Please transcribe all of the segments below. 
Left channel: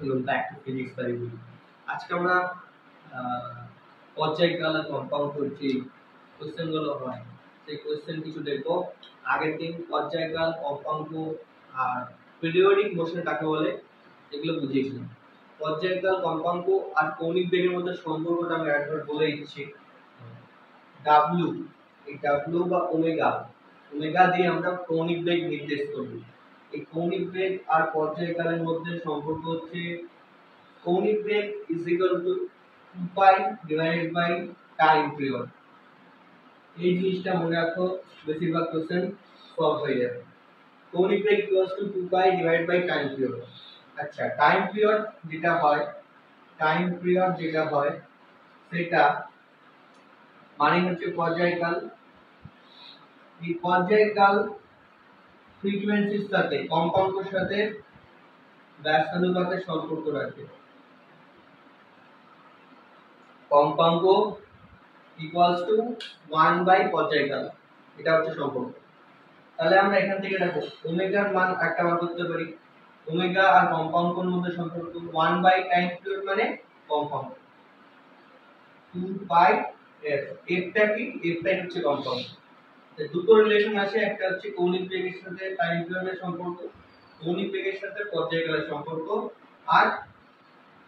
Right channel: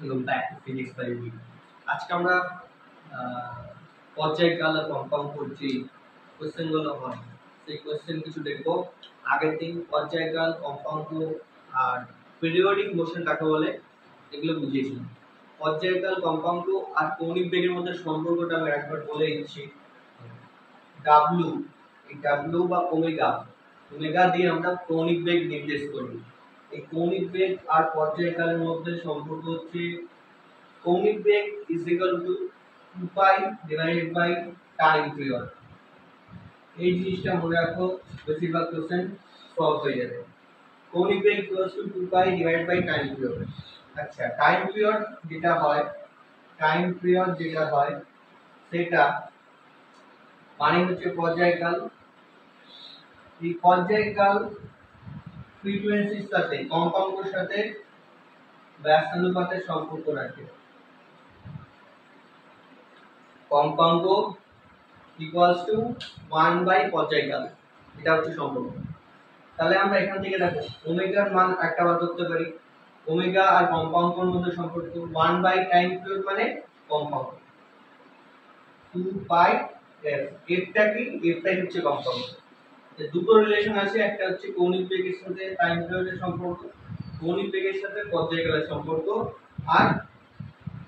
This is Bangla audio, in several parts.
Welcome back to Physics by Week. আজকে আমরা পর্যায়কাল আর কম্পাউন্ড করছি কোশ্চেনগুলো হয় সেই কোশ্চেন কিছু দেখবো। আগের দিন পর্যায়কাল, কম্পাউন্ড আর পিরিয়ডিক মোশন কাকে বলে এগুলো বুঝিয়েছিলাম। পর্যায়কাল, কম্পাউন্ড আর কৌণিক বেগের মধ্যে সম্পর্কটা আমি একবার বলে দিচ্ছি। ডাব্লু, এই ডাব্লু বা ওমেগা, ওমেগা দিয়ে আমরা কৌণিক বেগ নির্দেশ করি। এই কৌণিক বেগ আর পর্যায়কালের মধ্যে সম্পর্ক হচ্ছে কৌণিক বেগ is equal to 2 pi divided by time period। এই জিনিসটা মনে রাখো, বেশিরভাগ কোশ্চেন সলভ হয়ে যাবে। কৌণিক বেগ equals to 2 pi divided by time period। আচ্ছা, টাইম পিরিয়ড যেটা হয়, টাইম পিরিয়ড যেটা হয় সেটা মানে হচ্ছে পর্যায়কাল। এই পর্যায়কাল ফ্রিকোয়েন্সির সাথে, কম্পাঙ্কের সাথে ব্যস্তানুপাতের সম্পর্ক রাখে। কম্পাঙ্ক ইকুয়ালস টু 1 বাই পর্যায়কাল, এটা হচ্ছে সম্পর্ক। তাহলে আমরা এখান থেকে দেখো ওমেগার মান একটা বার করতে পারি। ওমেগা আর কম্পাঙ্কের মধ্যে সম্পর্ক 1 বাই টাইম পিরিয়ড মানে কম্পাঙ্ক, 2 পাই এফ। এফটা কি? এফটাই হচ্ছে কম্পাঙ্ক। দুটো রিলেশন আছে, একটা হচ্ছে কৌণিক বেগের সাথে টাইম পিরিয়ডের সম্পর্ক, কৌণিক বেগের সাথে পর্যায়কালের সম্পর্ক, আর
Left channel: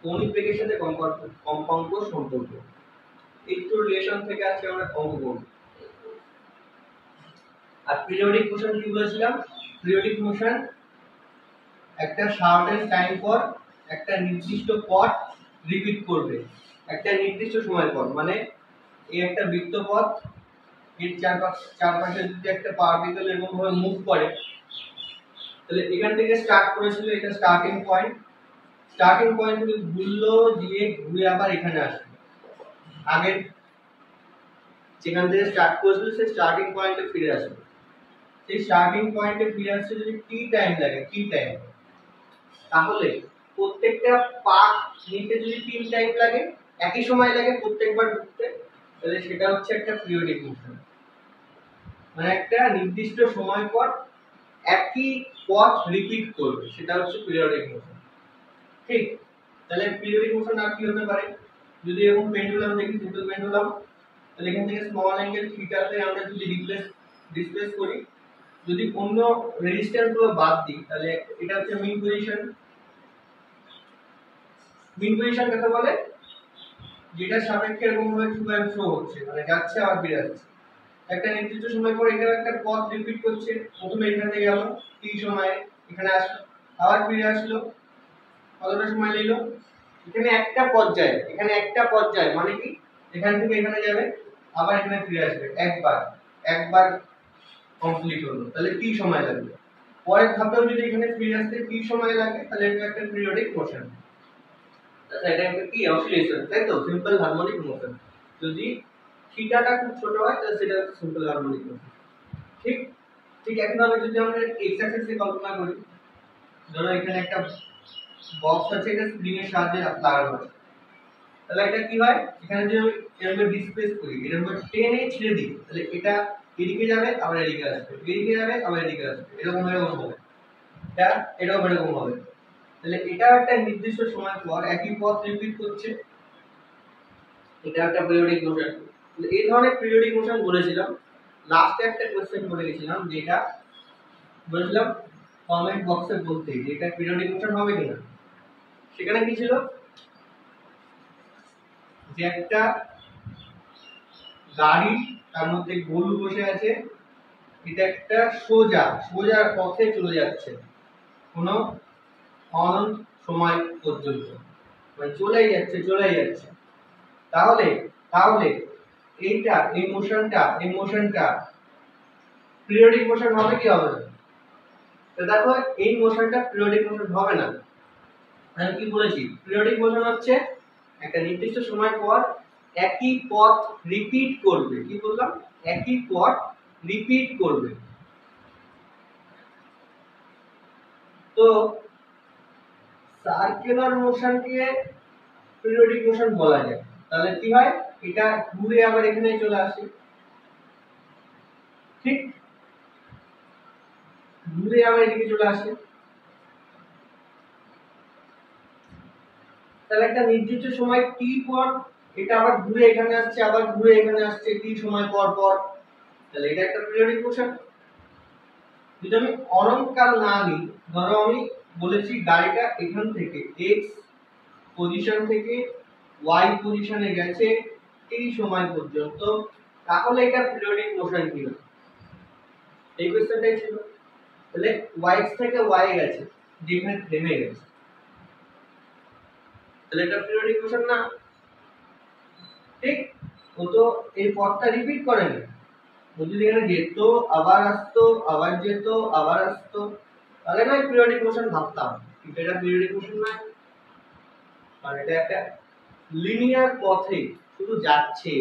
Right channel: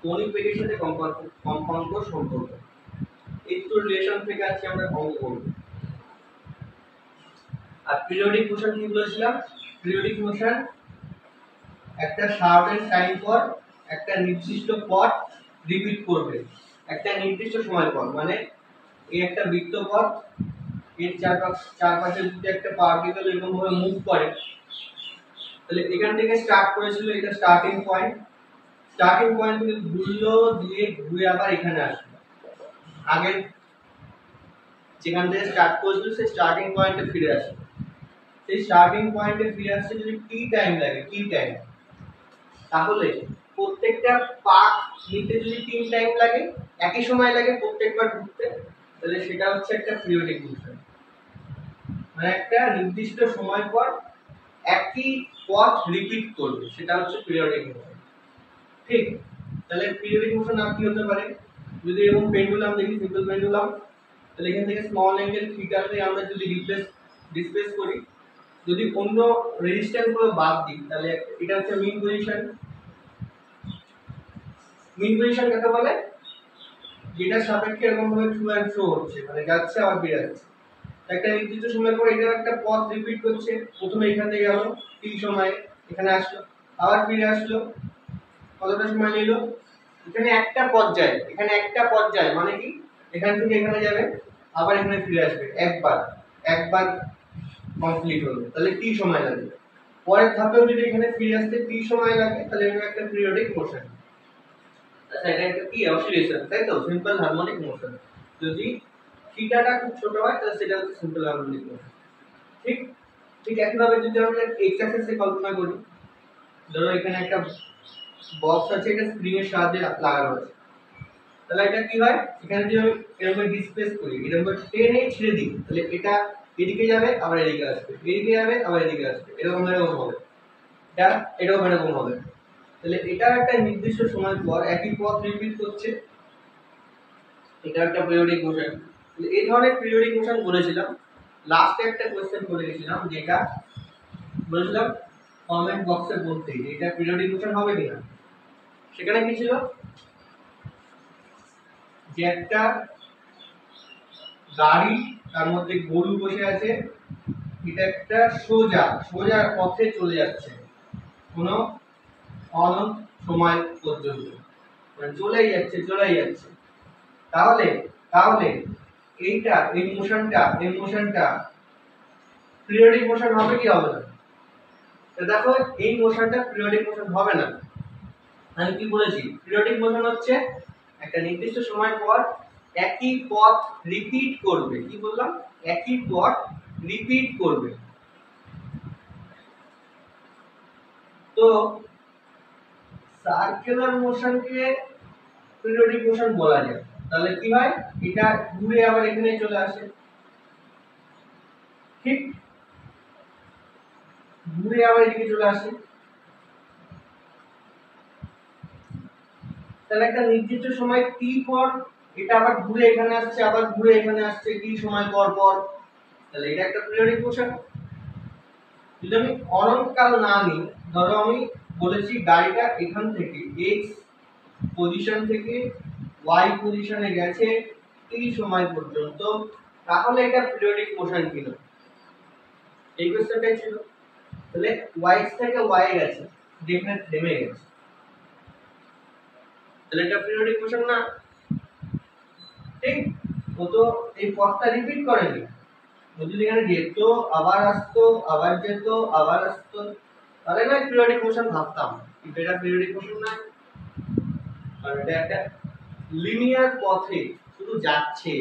কৌণিক বেগের সাথে কম্পাঙ্ক সম্পর্ক। এই দুটো রিলেশন থেকে আজকে আমরা অঙ্ক করব। আর পিরিয়ডিক মোশন কি বলেছিলাম? পিরিয়ডিক মোশন একটা সার্টেন টাইম পর একটা নির্দিষ্ট পথ রিপিট করবে একটা নির্দিষ্ট সময় পর। মানে এই একটা বৃত্তপথ, এর চারপাশে যদি একটা পার্টিকেল এরকম ভাবে মুভ করে, তাহলে এখান থেকে স্টার্ট করেছিল, এটা স্টার্টিং পয়েন্ট। স্টার্টিং পয়েন্ট থেকে ঘুরলো, দিয়ে ঘুরে আবার এখানে আসলো। আগে যেখান থেকে স্টার্ট করেছিল সেই স্টার্টিং পয়েন্টে ফিরে আসলো। সেই স্টার্টিং পয়েন্টে ফিরে আসতে যদি টি টাইম লাগে, টি টাইম, তাহলে প্রত্যেকটা পাক নিতে যদি 3 টাইম লাগে, একই সময় লাগে প্রত্যেকবার ঘুরতে, তাহলে সেটা হচ্ছে একটা পিরিয়ডিক মোশন। মানে একটা নির্দিষ্ট সময় পর একই পথ রিপিট করবে, সেটা হচ্ছে পিরিয়ডিক মোশন। ঠিক? তাহলে পিরিয়ডিক মোশন আর কি হতে পারে? যদি এরকম পেন্ডুলাম দেখি, সিম্পল পেন্ডুলাম, তাহলে এখান থেকে স্মল অ্যাঙ্গেল থিটাতে আমরা যদি ডিসপ্লেস করি, যদি অন্য রেজিস্ট্যান্স গুলো বাদ দিই, তাহলে এটা হচ্ছে মিন পজিশন। মিন পজিশন কাকে বলে? যেটা সাপেক্ষে এরকম ভাবে টু এন্ড ফ্রো হচ্ছে, মানে যাচ্ছে আবার ফিরে আসছে। একটা নির্দিষ্ট সময় পর এটা একটা পথ রিপিট করছে। প্রথমে এখান থেকে গেল টি সময়ে, এখানে আসলো, আবার ফিরে আসলো, কতটা সময় নিল? এখানে একটা পর্যায়, এখানে একটা পর্যায় মানে কি, এখান থেকে এখানে যাবে, আবার এখানে ফিরে আসবে। একবার একবার কমপ্লিট হলো, তাহলে টি সময় লাগবে। পরের ধাপেও যদি এখানে ফিরে আসতে টি সময় লাগে, তাহলে এটা একটা পিরিয়ডিক মোশন। আচ্ছা, এটা একটা কি অসিলেশন, তাই তো? Simple harmonic motion. যদি থিটাটা খুব ছোট হয় তাহলে সেটা হচ্ছে সিম্পল হারমোনিক মোশন। ঠিক ঠিক একইভাবে যদি আমরা এক্স অ্যাক্সিসে কল্পনা করি, ধরো এখানে একটা বক্স আছে, এটা স্প্রিং এর সাহায্যে লাগানো আছে, তাহলে এটা কি হয়? এখানে যদি আমি এরকম ডিসপ্লেস করি, এরকম টেনে ছেড়ে দিই, তাহলে এটা এদিকে যাবে, আবার এদিকে আসবে, এদিকে যাবে, আবার এদিকে আসবে, এরকম এরকম হবে। এটা এরকম এরকম হবে। তাহলে এটা একটা নির্দিষ্ট সময় পর একই পথ রিপিট করছে, এটা একটা পিরিয়ডিক মোশন। তাহলে এই ধরনের পিরিয়ডিক মোশন বলেছিলাম। লাস্টে একটা কোশ্চেন বলে গেছিলাম, যেটা বলেছিলাম কমেন্ট বক্সে বলতে যে এটা পিরিয়ডিক মোশন হবে কিনা। সেখানে কি ছিল? যে একটা গাড়ি, তার মধ্যে গরু বসে আছে, এটা একটা সোজা সোজা পথে চলে যাচ্ছে কোনো অনন্ত সময় পর্যন্ত, মানে চলেই যাচ্ছে চলেই যাচ্ছে। তাহলে তাহলে এইটা এই মোশনটা পিরিয়ডিক মোশন হবে কি হবে না? তো দেখো এই মোশনটা পিরিয়ডিক মোশন হবে না। আমি কি বলেছি? পিরিয়ডিক মোশন হচ্ছে একটা নির্দিষ্ট সময় পর একই পথ রিপিট করবে। কি বললাম? একই পথ রিপিট করবে। তো সার্কুলার মোশনকে পিরিয়ডিক মোশন বলা যায়। তাহলে কি হয়? এটা ঘুরে আবার এখানে চলে আসে। ঠিক? ঘুরে আবার এদিকে চলে আসে। তাহলে একটা নির্দিষ্ট সময় টি পর এটা আবার ঘুরে এখানে আসছে, আবার ঘুরে এখানে আসছে টি সময় পর পর, তাহলে এটা একটা পিরিয়ডিক মোশন। যদি আমি অনন্তকাল না নিই, ধরো আমি বলেছি গাড়িটা এখান থেকে এক্স পজিশন থেকে ওয়াই পজিশনে গেছে টি সময় পর্যন্ত, তাহলে এটা পিরিয়ডিক মোশন কিনা, এই কোশ্চেনটাই ছিল। তাহলে ওয়াই থেকে ওয়াই গেছে, যেখানে থেমে গেছে, তাহলে এটা পিরিয়ডিক মোশন না, ঠিক? ও তো এই পথটা রিপিট করেনি, ও যদি এখানে যেত আবার আসতো আবার যেত আবার আসতো, তাহলে না পিরিয়ডিক মোশন ভাবতাম, কিন্তু এটা পিরিয়ডিক মোশন না, কারণ এটা একটা লিনিয়ার পথে শুধু যাচ্ছে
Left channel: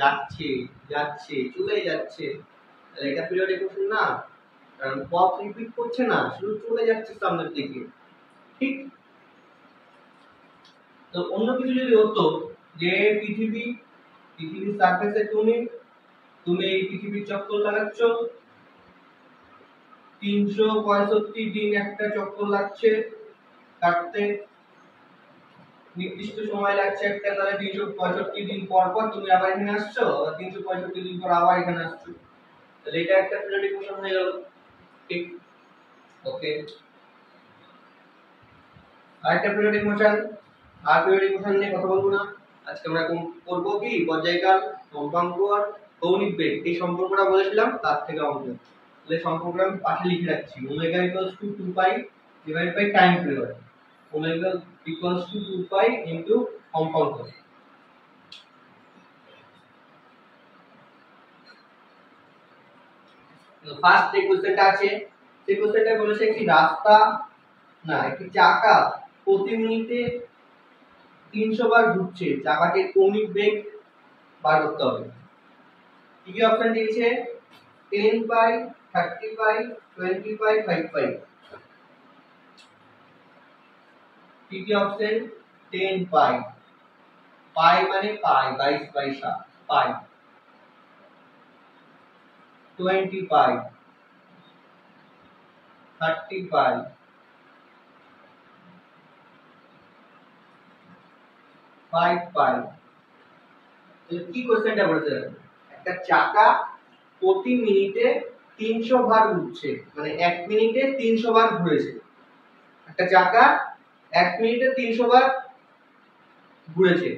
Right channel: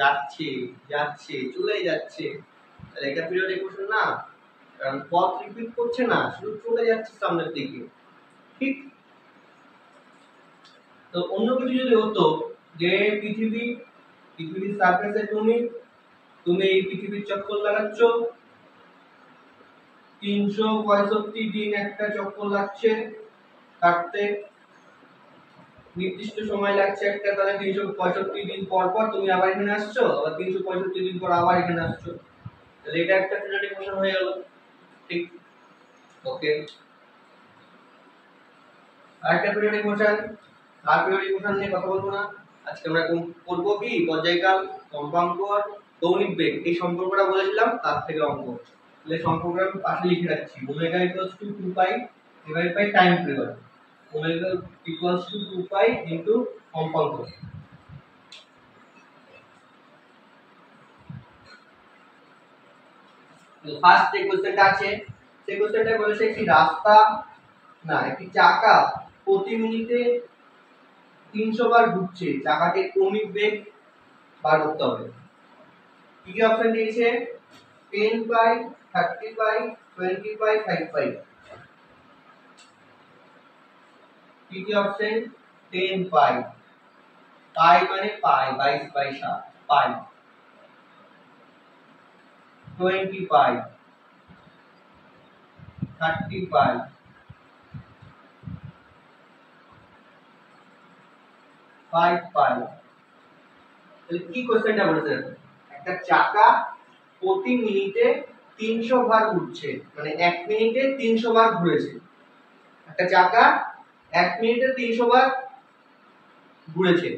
যাচ্ছে যাচ্ছে চলেই যাচ্ছে, তাহলে এটা পিরিয়ডিক মোশন না, কারণ পথ রিপিট করছে না, শুধু চলে যাচ্ছে সামনের দিকে, ঠিক? তো অন্য কিছু যদি হতো যে পৃথিবীর সারফেসে তুমি এই পৃথিবীর চক্কর লাগাচ্ছ, 365 দিন একটা চক্কর লাগছে কাটতে, নির্দিষ্ট সময় লাগছে একটা, তাহলে 365 দিন পর পর তুমি আবার এখানে আসছো, আবার 365 দিন পর আবার এখানে আসছো, তাহলে এটা একটা পিরিয়ডিক মোশন হয়ে গেল, ঠিক? ওকে, আরেকটা পিরিয়ডিক মোশন, আর পিরিয়ডিক মোশন নিয়ে কথা বলবো না আজকে, আমরা করব কি পর্যায়কাল, কম্পাঙ্ক আর কৌণিক বেগ, এই সম্পর্কটা বলেছিলাম তার থেকে অঙ্ক, তাহলে সম্পর্কটা আমি পাশে লিখে রাখছি, omega equals to 2 pi divide by time period, omega equals to 2 pi into কম্পাঙ্ক। তো ফার্স্ট যে কোশ্চেনটা আছে, সেই কোশ্চেনটা বলেছে একটি রাস্তা না একটি চাকা প্রতি মিনিটে 300 বার ঘুরছে, চাকাটির কৌণিক বেগ বার করতে হবে। কি কি অপশন দিয়েছে? 10 পাই, 30 পাই, 20 পাই, 5 পাই। কি কি অপশন? 10 পাই, পাই মানে পাই 22 বাই 7 পাই, 20 পাই, 30 পাই, 5 পাই। তাহলে কি কোশ্চেনটা বলেছে? একটা চাকা প্রতি মিনিটে 300 বার ঘুরছে, মানে 1 মিনিটে 300 বার ঘুরেছে। একটা চাকা 1 মিনিটে 300 বার ঘুরেছে,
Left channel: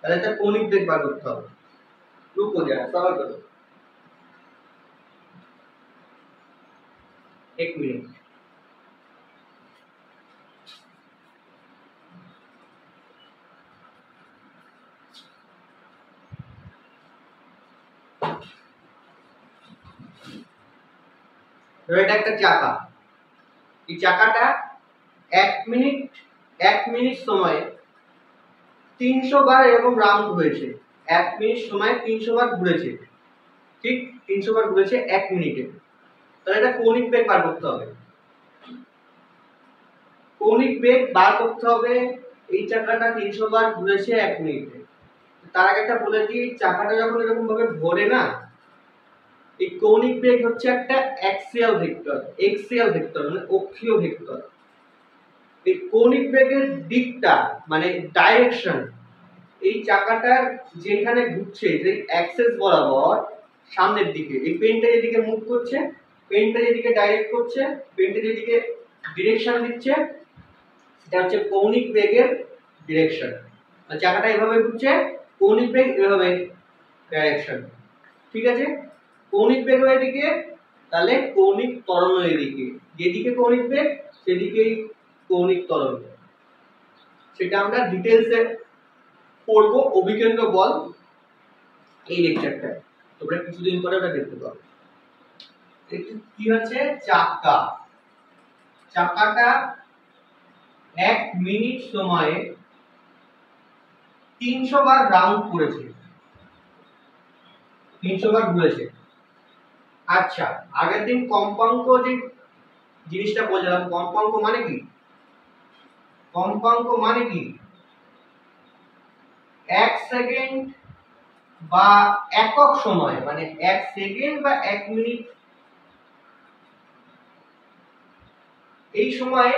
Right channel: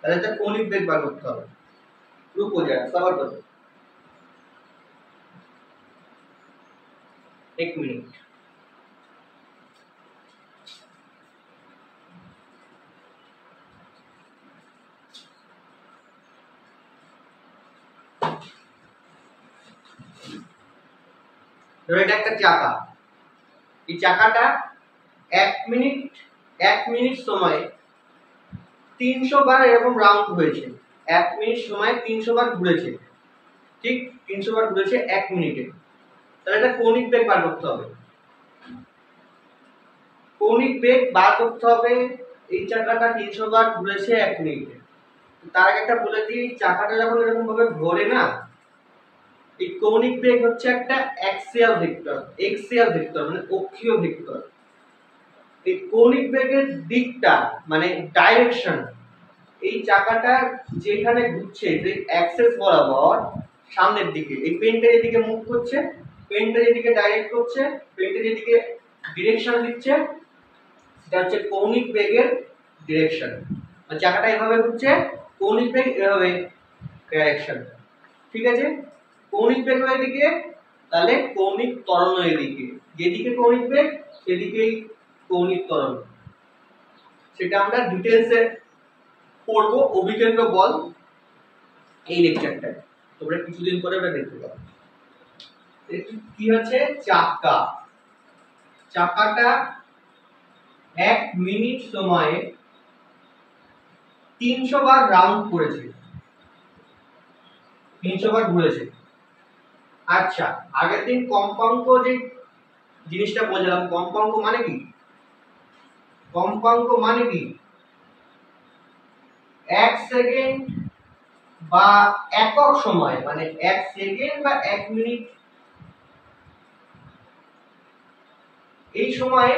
তাহলে তার কৌণিক বেগ বার করতে হবে। রুকো যারা সবার করো, 1 মিনিট। এটা একটা চাকা, এই চাকাটা 1 মিনিট সময়ে 300 বার এরকম রাউন্ড হয়েছে, 1 মিনিট সময়ে 300 বার ঘুরেছে, ঠিক? 300 বার ঘুরেছে 1 মিনিটে, তাহলে এটা কৌণিক বেগ বার করতে হবে। কৌণিক বেগ বার করতে হবে, এই চাকাটা 300 বার ঘুরেছে 1 মিনিটে। তার আগে একটা বলে দিই, চাকাটা যখন এরকম ভাবে ঘোরে না, এই কৌণিক বেগ হচ্ছে একটা অ্যাক্সিয়াল ভেক্টর, মানে অক্ষীয় ভেক্টর। এই কৌণিক বেগের দিকটা মানে ডাইরেকশন, এই চাকাটা যেখানে ঘুরছে যে অ্যাক্সেস বরাবর সামনের দিকে, এই পেনটা যেদিকে মুভ করছে, পেনটা যেদিকে ডাইরেক্ট করছে, পেনটা যেদিকে ডিরেকশন দিচ্ছে, সেটা হচ্ছে কৌণিক বেগের ডিরেকশন। মানে চাকাটা এভাবে ঘুরছে, কৌণিক বেগ এভাবে ডাইরেকশন, ঠিক আছে? কৌণিক বেগ এদিকে, তাহলে কৌণিক ত্বরণ এদিকে, যেদিকে কৌণিক বেগ সেদিকেই কৌণিক ত্বরণ। সেটা আমরা ডিটেইলসে পড়বো অভিকেন্দ্র বল এই লেকচারটায়, তোমরা কিছুদিন পরে ওটা দেখতে পাবে। কি হচ্ছে? চাকাটা 1 মিনিট সময়ে 300 বার রাউন্ড করেছে, 300 বার ঘুরেছে। আচ্ছা, আগের দিন কম্পাঙ্ক যে জিনিসটা বললাম, কম্পাঙ্ক মানে কি? কম্পাঙ্ক মানে কি? 1 সেকেন্ড বা একক সময়, মানে 1 সেকেন্ড বা 1 মিনিট, এই সময়ে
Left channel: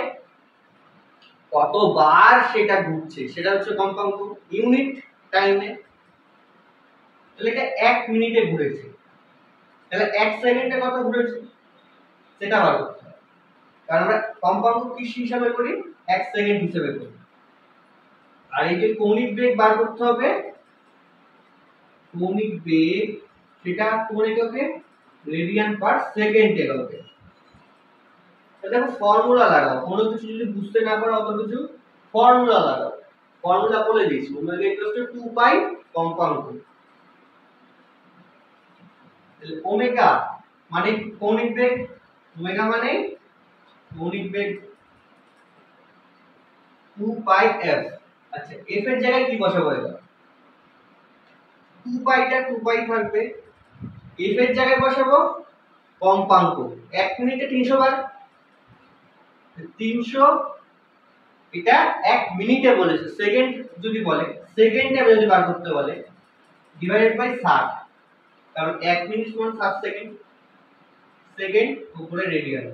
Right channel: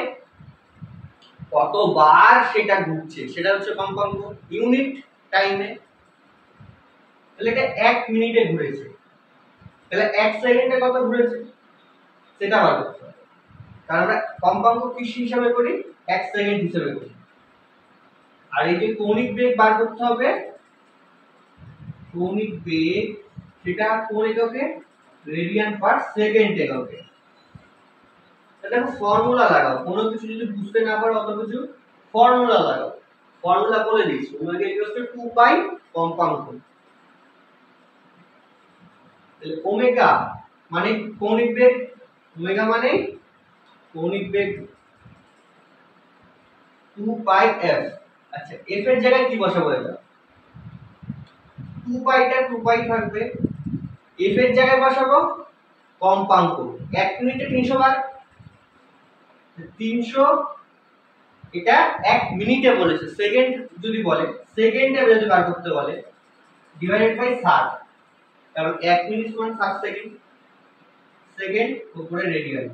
কতবার সেটা ঘুরছে সেটা হচ্ছে কম্পাঙ্ক, ইউনিট টাইমে। তাহলে এটা 1 মিনিটে ঘুরেছে, তাহলে 1 সেকেন্ডে কত ঘুরেছে সেটা বার করতে হবে, কারণ আমরা কম্পাঙ্ক কি হিসাবে করি, 1 সেকেন্ড হিসাবে করি। আর এই যে কৌণিক বেগ বার করতে হবে, কৌণিক বেগ সেটা কোন এককে, রেডিয়ান পার সেকেন্ড এককে। দেখো ফর্মুলা লাগাও, কোনো কিছু যদি বুঝতে না পারো অত কিছু ফর্মুলা লাগাও। ফর্মুলা বলে দিচ্ছি, ওমেগা ইকুয়ালস টু 2 পাই কম্পাঙ্ক। তাহলে ওমেগা মানে কৌণিক বেগ, ওমেগা মানে কৌণিক বেগ 2 পাই f। আচ্ছা f এর জায়গায় কি বসাবো, এটা 2 পাইটা 2 পাই থাকবে, f এর জায়গায় বসাবো কম্পাঙ্ক। 1 মিনিটে 300 বার, 300, এটা 1 মিনিটে বলেছে, সেকেন্ড যদি বলে, সেকেন্ডে যদি বার করতে বলে ডিভাইডেড বাই 60, কারণ 1 মিনিট সমান 60 সেকেন্ড, সেকেন্ড উপরে রেডিয়ান।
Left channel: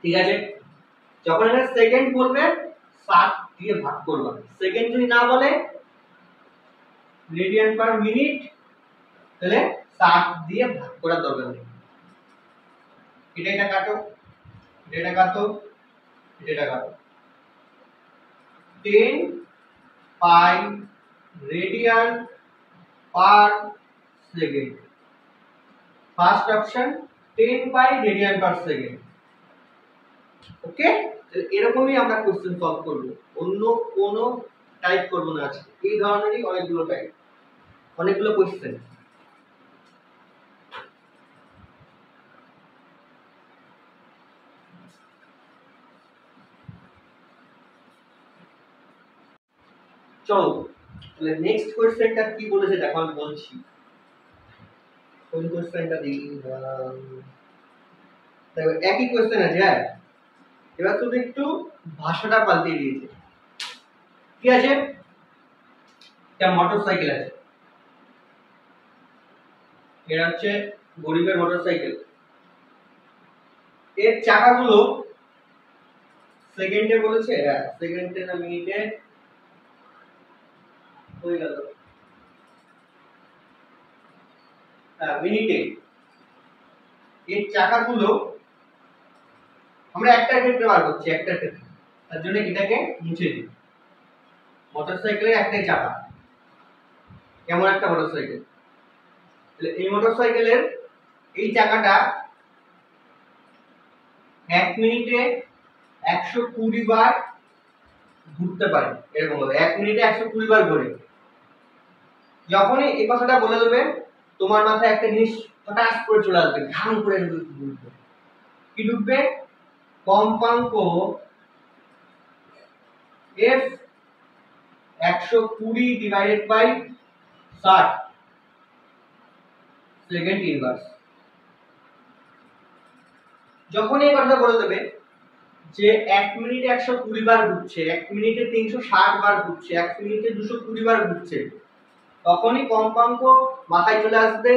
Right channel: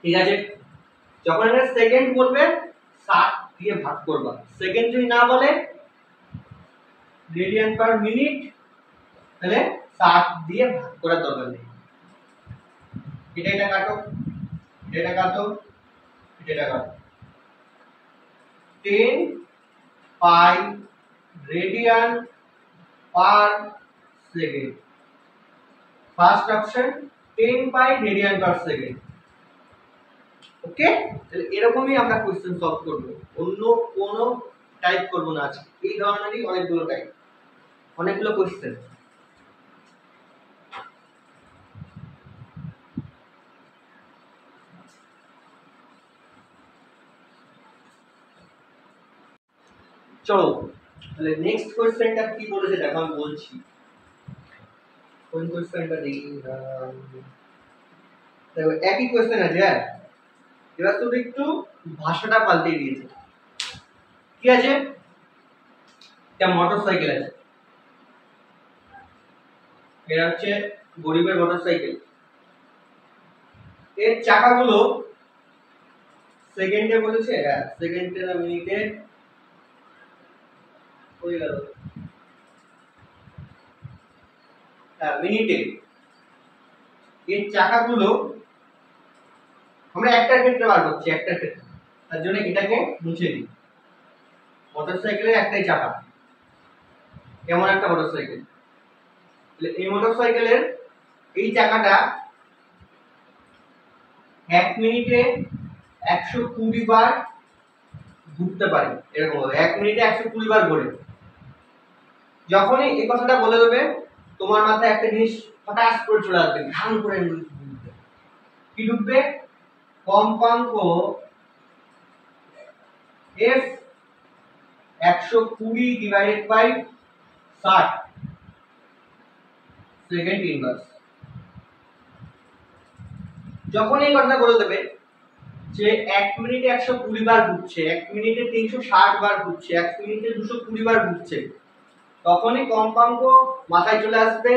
ঠিক আছে, যখন এখানে সেকেন্ড বলবে 60 দিয়ে ভাগ করবা, সেকেন্ড যদি না বলে রেডিয়ান পার মিনিট, তাহলে 60 দিয়ে ভাগ করার দরকার নেই। এটা কাটো, এটা কাটো, এটা কাটো। 10 pi radian per second, first option 10 pi radian per second. Okay, তাহলে এরকমই আমরা কোশ্চেন সলভ করব, অন্য কোনো টাইপ করব না আজকে। এই ধরনেরই অনেকগুলো টাইপ, অনেকগুলো কোশ্চেন। চলো তাহলে নেক্সট কোশ্চেনটা কি বলেছে দেখো, আমি বলছি কোন কোশ্চেনটা দেখি। দেখো একই কোশ্চেন আছে, হ্যাঁ, এবার শুধু একটু ভাষাটা পাল্টে দিয়েছে। কি আছে, একটা মোটরসাইকেল আছে, এটা হচ্ছে গরিবের মোটরসাইকেল। এর চাকাগুলো সেকেন্ডে বলেছে, হ্যাঁ সেকেন্ডে না মিনিটে হয়ে গেল, হ্যাঁ মিনিটে। এর চাকাগুলো আমরা একটা ক্ষেত্রে বার করছি, একটা ক্ষেত্রে, তার জন্য এটাকে মুছে দিই। মোটরসাইকেলের একটাই চাকা, কেমন একটা মোটরসাইকেল, তাহলে এই মোটরসাইকেলের এই চাকাটা 1 মিনিটে 120 বার ঘুরতে পারে, এরকম হবে 1 মিনিটে 120 বার ঘোরে। যখনই এই কথাটা বলে দেবে, তোমার মাথায় একটা জিনিস হঠাৎ করে চলে আসবে, ঘাম করে ঢুকবে। কি ঢুকবে, কম্পাঙ্ক f 120 divided by 60 second inverse. যখন এই কথাটা বলে দেবে যে 1 মিনিটে 120 বার ঘুরছে, 1 মিনিটে 360 বার ঘুরছে, 1 মিনিটে 220 বার ঘুরছে, তখনই কম্পাঙ্ক মাথায় চলে আসবে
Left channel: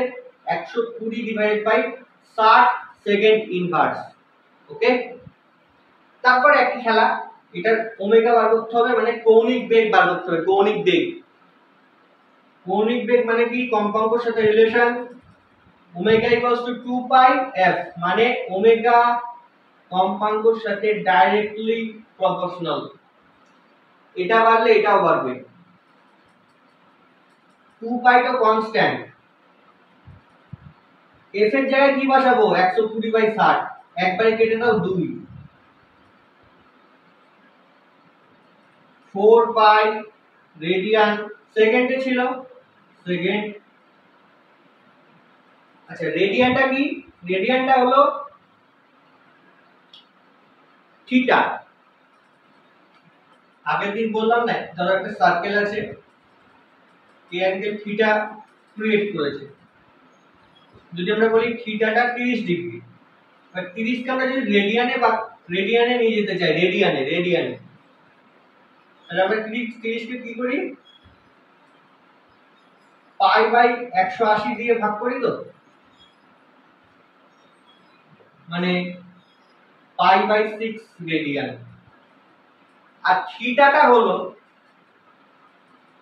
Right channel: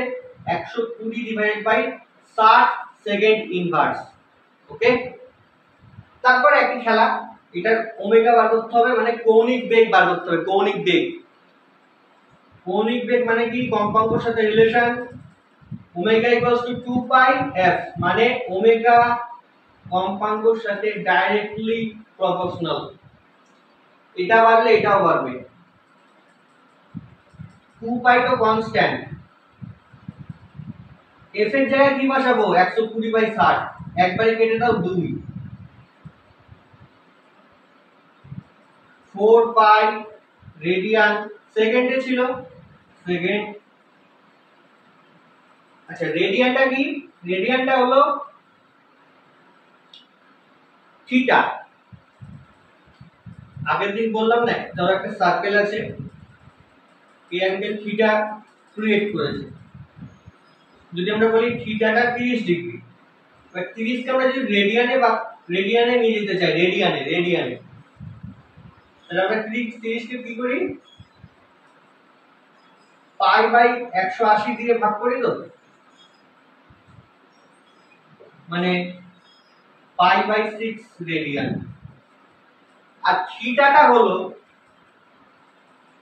120 ডিভাইডেড বাই 60 সেকেন্ড ইনভার্স। ওকে, তারপর একই খেলা, এটার ওমেগা বার করতে হবে, মানে কৌণিক বেগ বার করতে হবে। কৌণিক বেগ, কৌণিক বেগ মানে কি, কম্পাঙ্কের সাথে relation omega equals to 2 pi f, মানে ওমেগা কম্পাঙ্কের সাথে ডাইরেক্টলি প্রপোর্শনাল। এটা বাড়লে এটাও বাড়বে। 2 পাই তো কনস্ট্যান্ট, f এর জায়গায় কি বসাবো, 120 বাই 60, একবারে কেটে দাও 2, 4 পাই রেডিয়ান, সেকেন্ডে ছিল সেকেন্ড। আচ্ছা রেডিয়ানটা কি, রেডিয়ানটা হলো থিটা। আগের দিন বললাম না, ধরো একটা সার্কেল আছে, এই অ্যাঙ্গেল থিটা ক্রিয়েট করেছে, যদি আমরা বলি থিটাটা 30 ডিগ্রি, বা 30 কে আমরা যদি রেডিয়ানে বা রেডিয়ানে নিয়ে যেতে চাই, রেডিয়ানে রেডিয়ানে, তাহলে আমরা 30 কে কি করি, পাই বাই 180 দিয়ে ভাগ করি, তো মানে পাই বাই 6 রেডিয়ান। আর থিটাটা হলো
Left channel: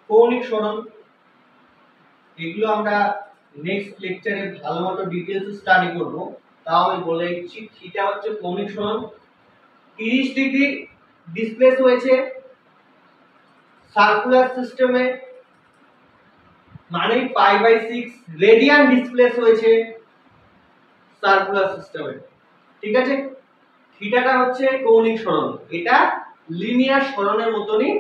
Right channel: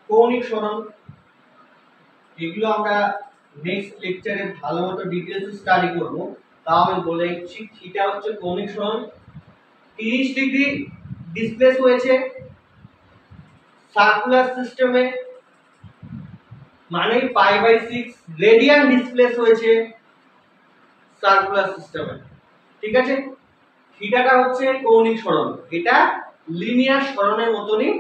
কৌণিক সরণ। এগুলো আমরা নেক্সট লেকচারে ভালো মতো ডিটেইলস স্টাডি করব। তাও আমি বলে দিচ্ছি, থিটা হচ্ছে কৌণিক সরণ। 30 ডিগ্রি ডিসপ্লেস হয়েছে সার্কুলার সিস্টেমে, মানে π/6 রেডিয়ান ডিসপ্লেস হয়েছে সার্কুলার সিস্টেমে। ঠিক আছে, থিটাটা হচ্ছে কৌণিক সরণ, এটা লিনিয়ার সরণের মতনই,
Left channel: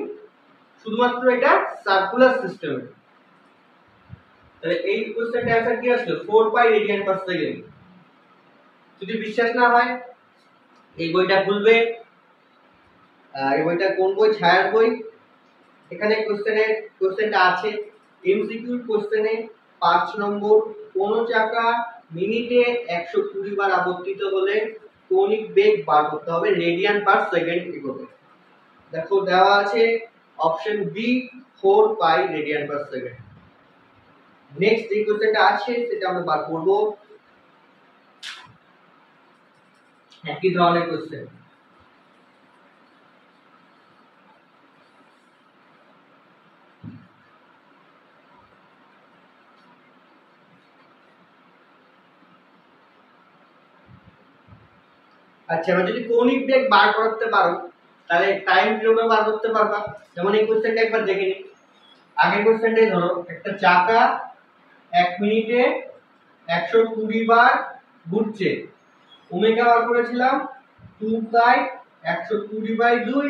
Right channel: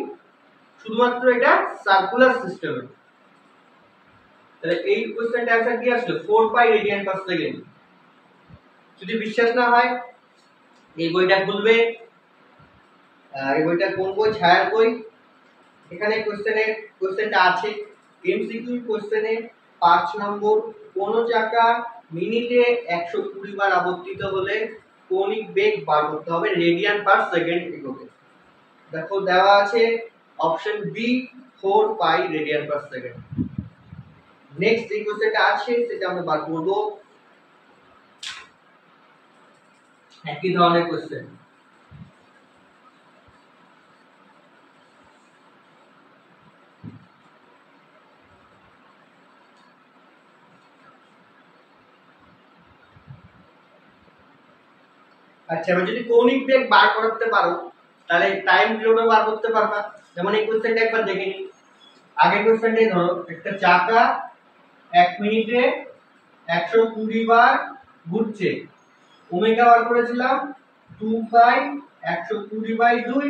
শুধুমাত্র এটা সার্কুলার সিস্টেমে। তাহলে এই কোশ্চেনটা आंसर কি আসলো 4 পাই রেডিয়ান পার সেকেন্ড। যদি বিশ্বাস না হয় এই বইটা খুলবে, এই বইটা কোন বই? ছায়ার বই। এখানে কোশ্চেনটা আছে এমসিকিউ কোশ্চেনে 5 নম্বর, কোন চাকা মিনিটে 120 বার আবর্তিত হলে কৌণিক বেগ বার করতে হবে রেডিয়ান পার সেকেন্ড এককে। দেখো দেওয়া আছে option B 4 pi radian per second. Next যে কোশ্চেনটা আছে সেটা আমরা বার করব, একই ধরনের কোশ্চেন। আচ্ছা, এবার যদি কৌণিক বেগ বার করতে পারো তাহলে টাইম পিরিয়ডও বার করতে পারবা। যেমন এই কোশ্চেনটা একবার দেখে নিই। আগের কোশ্চেনটাই ধরো, একটা চাকা 1 মিনিটে 120 বার ঘুরছে, ওমেগা বার করেছিলাম 2 pi 120/2,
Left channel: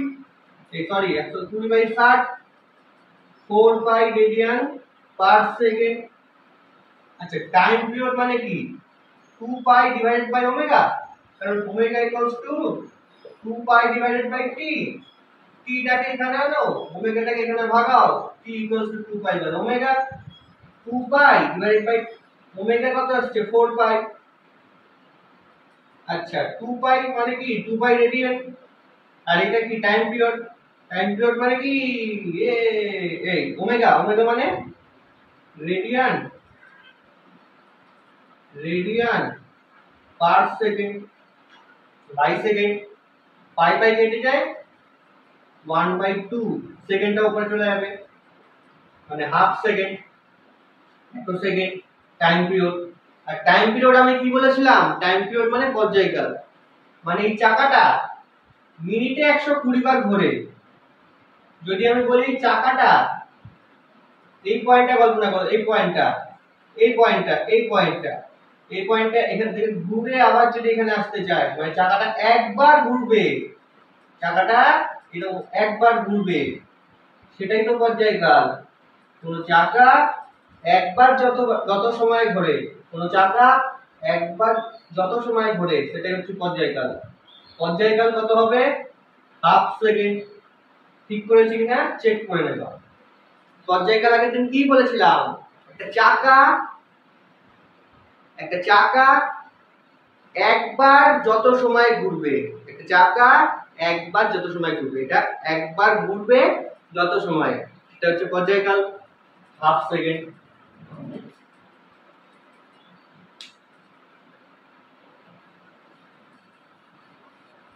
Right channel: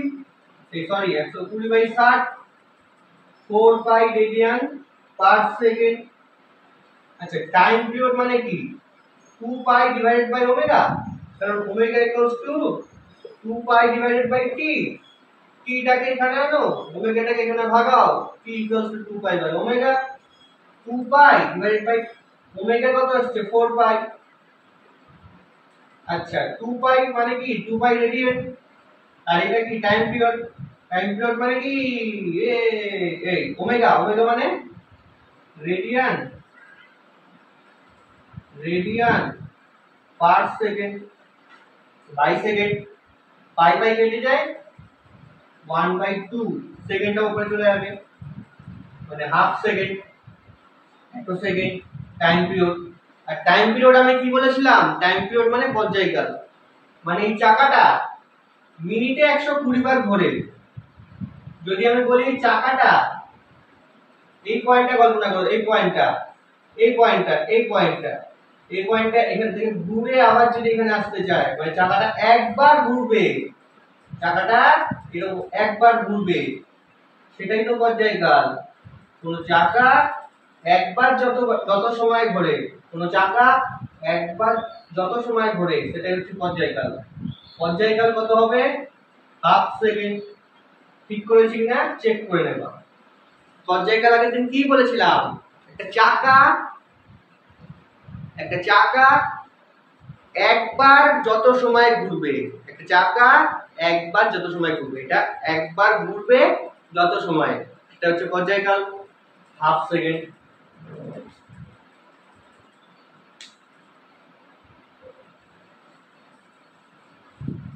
sorry 120/60, 4 pi radian per second. আচ্ছা, টাইম পিরিয়ড মানে কি 2 পাই ডিভাইডেড বাই ওমেগা, কারণ omega equals to 2 pi divided by T. টিটাকে এখানে আনো, ওমেগাটাকে এখানে ভাগাও, T equals to 2 pi by omega. 2 pi divided by omega কত আসছে 4 পাই। আচ্ছা, 2 পাই মানে কি 2 পাই রেডিয়ান, আর এটা কি টাইম পিরিয়ড। টাইম পিরিয়ড মানে কি এই ওমেগা, ওমেগা মানে radian, radian per second by second. Pi pi কেটে যায় 1/2, সেকেন্ডটা উপরে চলে যাবে, মানে হাফ সেকেন্ড, এক সেকেন্ড টাইম পিরিয়ড। আর টাইম পিরিয়ড আমি কি বলেছিলাম? টাইম পিরিয়ড মানে পর্যায়কাল, মানে এই চাকাটা মিনিটে 120 বার ঘোরে। যদি আমি বলি চাকাটা, এই পয়েন্টটা কল্পনা করো, এই পয়েন্টটা, এই পয়েন্টটা, এই পয়েন্টটা, এই পয়েন্টটা এখান থেকে ঘুরে আবার যদি এখানে আসতে চায়, মানে চাকাটা একবার ঘুরবে, চাকাটা এরকম একবার ঘুরবে, সেটাই তো পর্যায়কাল। কোন চাকা একবার যত সময় ঘোরে, কোন চাকা একবার যত সময় ঘোরে সেটাই হচ্ছে পর্যায়কাল। পর্যায়কাল কত হবে? Half second. ঠিক করেছি কিনা চেক করে নেবা। পর্যায়কাল আগের দিন কি বলেছিলাম? একটা চাকা একবার যত সময় ঘুরবে, একটা চাকা একবার যত সময় ঘুরবে, এটা একবার ঘুরবে যত সময়, এটা হচ্ছে পর্যায়কাল, হাফ সেকেন্ড।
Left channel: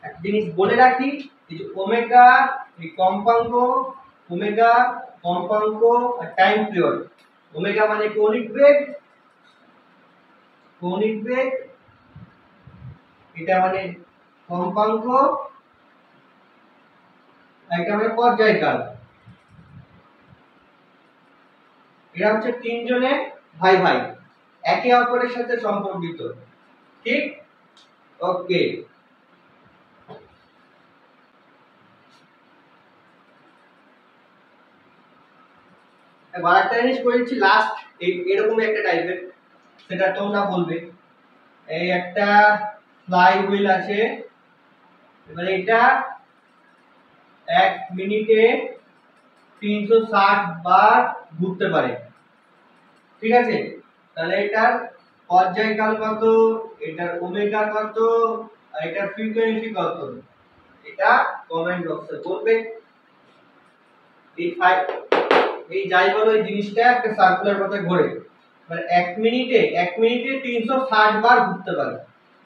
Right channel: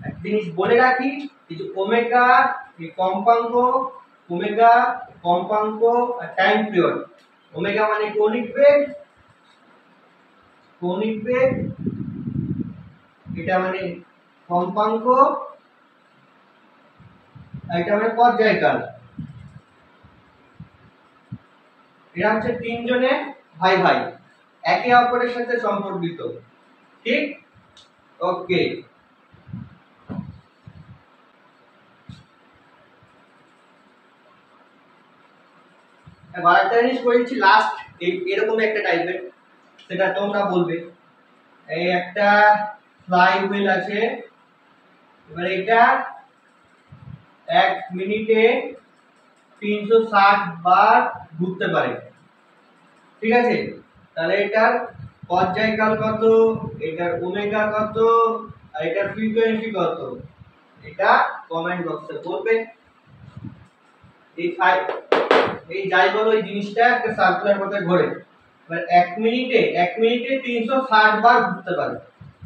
একটা জিনিস বলে রাখি, এই যে ওমেগা এই কম্পাঙ্ক, ওমেগা কম্পাঙ্ক আর টাইম পিরিয়ড। ওমেগা মানে কৌণিক বেগ, কৌণিক বেগ, এটা মানে কম্পাঙ্ক, আর এটা মানে পর্যায়কাল। এরা হচ্ছে তিনজনে ভাই ভাই, একে অপরের সাথে সম্পর্কিত। ঠিক? ওকে। এবার একটা জিনিস করেছি লাস্ট, এরকম একটা টাইপের, সেটা তোমরা বলবে। এই একটা ফ্লাই হুইল আছে, এবার এটা 1 মিনিটে 360 বার ঘুরতে পারে। ঠিক আছে, তাহলে এটার পর্যায়কাল কত, এটার ওমেগা কত, আর এটার ফ্রিকোয়েন্সি কত, এটা কমেন্ট বক্সে বলবে। এই যাই বলো, এই জিনিসটা একটা সার্কুলার পথে ঘোরে, এবার 1 মিনিটে 360 বার ঘুরতে পারে।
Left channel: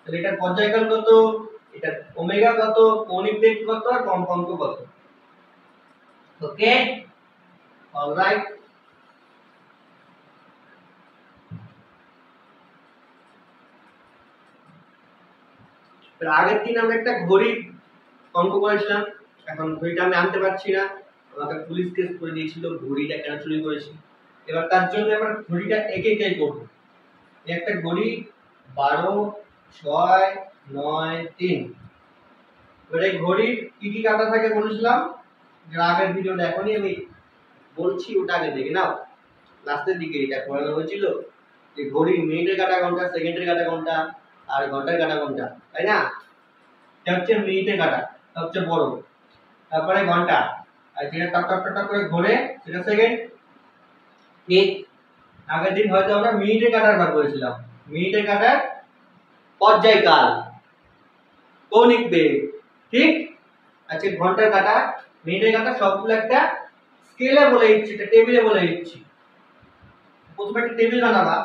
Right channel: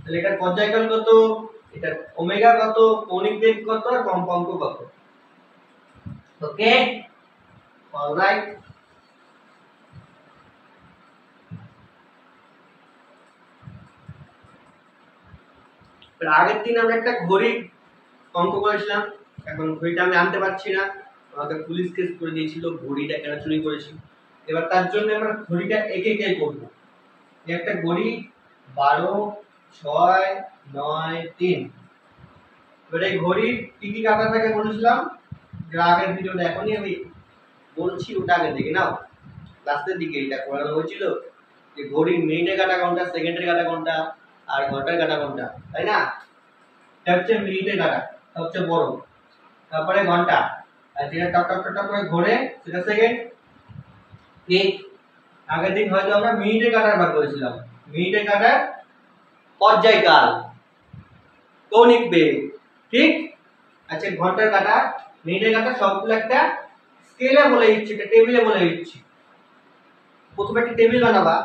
তাহলে এটার পর্যায়কাল কত, এটার ওমেগা কত, কৌণিক বেগ কত, আর কম্পাঙ্ক কত। ওকে, অলরাইট। আগের দিন আমরা একটা ঘড়ির অঙ্ক করেছিলাম, এখন ঘড়িটা আমি আনতে পারছি না, আমাকে পুলিশ কেস করে দিয়েছিল ঘড়িটা কেন চুরি করেছি। এবার তার জন্য আমরা ঘড়িটা একে একে করবো। একটা ঘড়ি 12, 6, 9, 3। এবার এই ঘড়ির কি কি কাটা থাকে বলেছিলাম, যে আগের ভিডিও দেখোনি, আমি বলছি ওটা আগে দেখে নাও। লাস্টের দিকে এটা করানো হয়েছিল যে ঘড়ির মিনিটের কাটা কোনটা, সেকেন্ডের কাটা কোনটা, আর ঘন্টার কাটা কোনটা, তাই না? এটা হচ্ছে মিনিটের কাটা, সবচেয়ে বড়। তারপরে ঘন্টা, আর যেটা টক টক টক করে ঘোরে সেটা সেকেন্ড। ঠিক আগের দিন হয়তো আমরা মিনিটের কাটার বার করেছিলাম, মিনিটের কাটার পর্যায়কাল, কৌণিক বেগ। ঠিক আচ্ছা, ঘন্টার কাটা, মিনিটের কাটা সবগুলো একটা স্কেলে বলে দিচ্ছি, একটা টেবিলে বলে দিচ্ছি। প্রথমে একটা টেবিল বানাবা,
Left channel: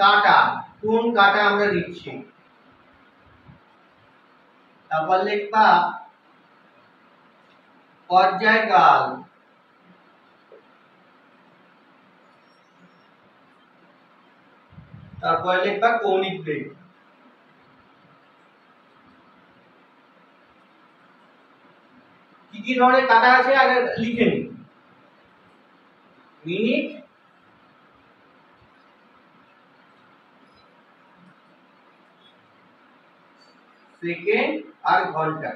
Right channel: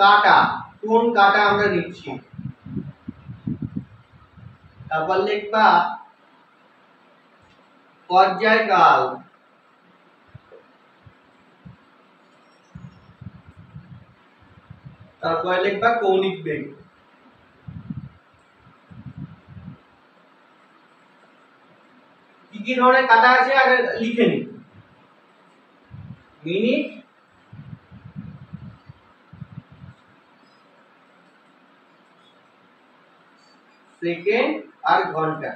কাটা, কোন কাটা আমরা নিচ্ছি, তারপর লিখবা পর্যায়কাল, তারপর লিখবা কৌণিক বেগ। কি কি ধরনের কাটা আছে আগে লিখে নি। মিনিট, সেকেন্ড আর ঘন্টা,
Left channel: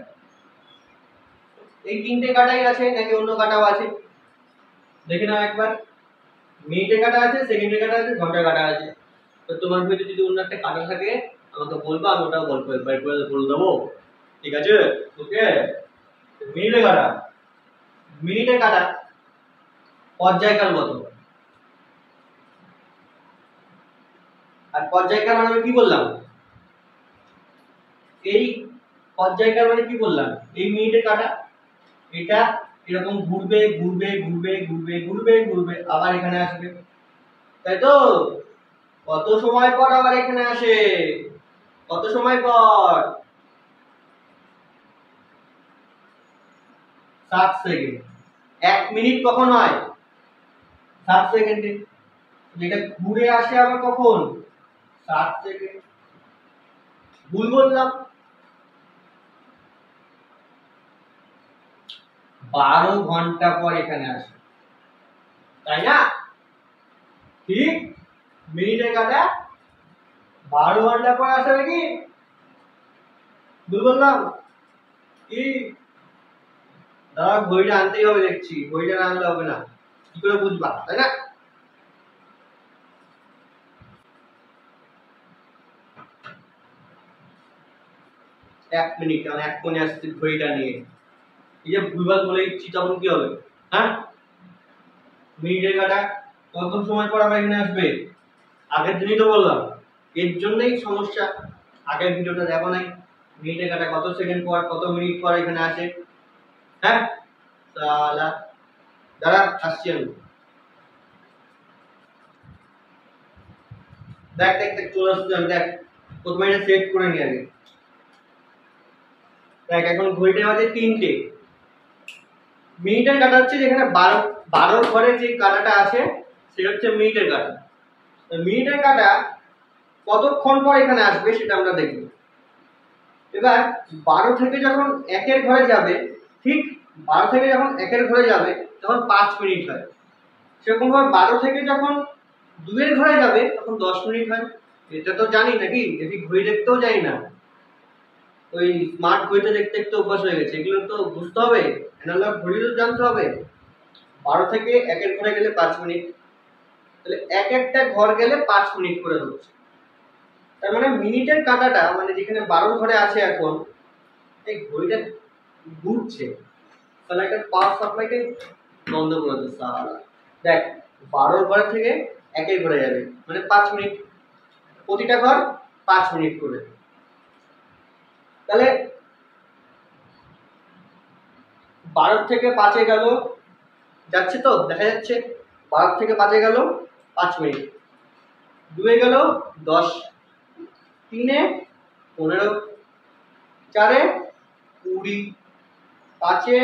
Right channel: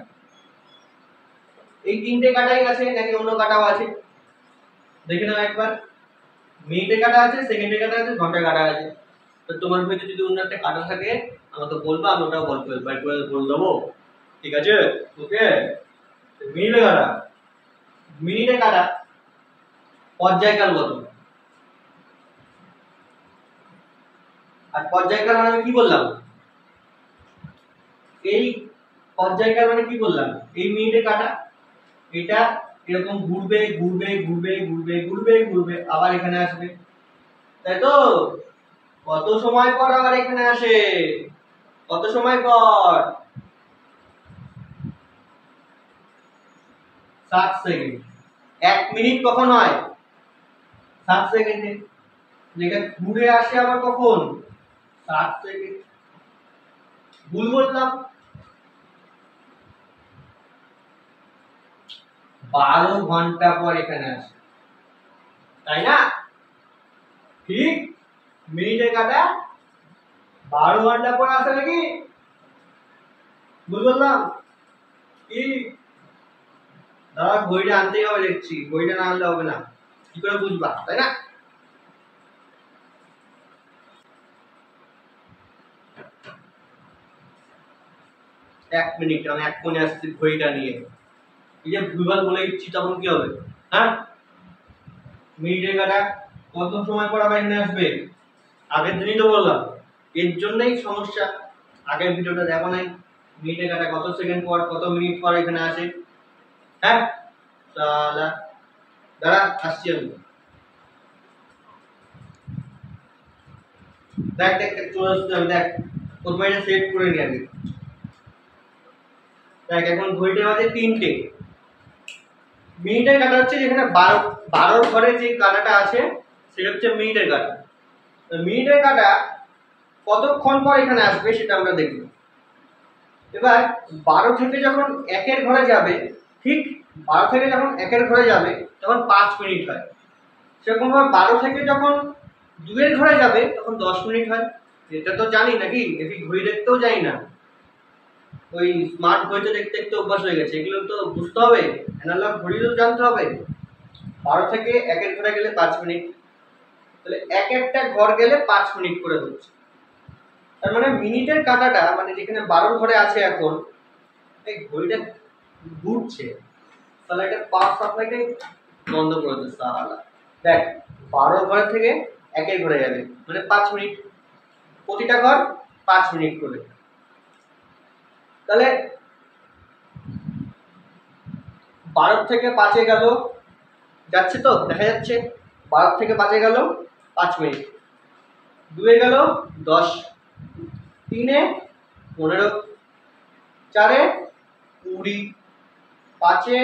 এই তিনটে কাটাই আছে নাকি অন্য কাটাও আছে দেখে নাও একবার। মিনিটের কাটা আছে, সেকেন্ডের কাটা আছে, ঘন্টার কাটা আছে। তো তোমার ভিতরে যদি অন্য একটা কাটা থাকে আমাকে বলবা, আমি ওটাও গল্প বের করে বলে দেবো। ঠিক আছে, ওকে। মিনিটের কাটা, মিনিটের কাটা পর্যায়কাল কত, আর পর্যায়কাল মানে আমি কি বললাম, এই পর্যায়কাল মানে কি বললাম, এই মিনিটের কাটা এটা এরকম ঘুরবে ঘুরবে ঘুরবে ঘুরবে ঘুরবে ঘুরবে আবার এখানে আসবে, তাই তো? কত সময় পর আবার এখানে আসে, কত সময় পর? 7 সেকেন্ড। 1 মিনিট কখন হয়? 7 সেকেন্ডে। এটা ঘুরে আসে আবার কখন? 7 সেকেন্ড। ভুল বললাম? 12 ঘন্টা পর এখানে আসে, তাই না? ঠিক মিনিটের কাটা 12 ঘন্টা পর আসে নাকি? ভুল বললাম কি? দাদা ঘড়িটা আনতেই হবে, দেখছি ঘড়িটা না আনলে হবে না, কি করে বুঝবা, তাই না? এক মিনিট, আমি এক কোণে আসছি ঘড়িটা নিয়ে, এই যে ভুলভাল বলে দিচ্ছি তখন কি হবে? হ্যাঁ, মিনিটের কাটা কত সময় পর আবার এখানে আসবে? আগের দিনই তো বললাম, এর জন্যই সমস্যা। আগের ভিডিওটা দেখো নাই, মিনিটের কাটা কত সেকেন্ড পর কত মিনিট পর এখানে আসে। হ্যাঁ, তাহলে দাঁড়া আসছি আমি। দেখ দেখ দেখ চলে আসছে, আমি দেখ প্রথমে এটা সেট করে নি আগে। দেখ এখন ঘড়িটা বাজে 3টে। মিনিটের কাটা হচ্ছে যেখানে 12 ঘরে যে কাটাটা আছে সেটা হচ্ছে মিনিটের কাটা। মিনিটের কাটা কতক্ষণ পর এখানে আসবে সেটা আমরা দেখব। এবার 12 থেকে যখন 1-এর ঘরে যাবে, ঠিক 12 থেকে যখন 1-এর ঘরে যাবে তখন 5 মিনিট হয়। সেরকম ভাবে 12 থেকে যখন 2-এর ঘরে যাবে তখন 10 মিনিট হয়। এটা তো জানি নাকি, এটি ঘড়ি দেখতেও জানি না, ওই স্মার্ট ঘড়িতে দেখতে দেখতে অভ্যাস হয়ে গেছে, এগুলো তো বুঝতে হবে, অ্যানালগ ঘড়িও জানতে হবে। 12 থেকে 1-এর ঘরে গেলে 5 মিনিট, তাহলে এক একটা ঘর গেলে 5 মিনিট করে হচ্ছে। তার মানে মিনিটের কাঁটাটা মানে যেখানে 12 ঘরে আছে এখন, এই ঘড়িটা ঘুরছে, তাহলে একটা পাওয়ার সাপ্লাইটাই বন্ধ করে দিচ্ছে সালা। দেখ 12 ঘর থেকে 1-এর ঘরে যাবে মানে 5 মিনিট, প্রতিটা ঘর 5 মিনিট করে। তাহলে 12 থেকে 5-এ গেল, যাচ্ছে তো দেখা যাচ্ছে, 12 থেকে 5-এ গেল 5 মিনিট, 2-এ গেল 10, 3-এ 15, 4-এ 20, 5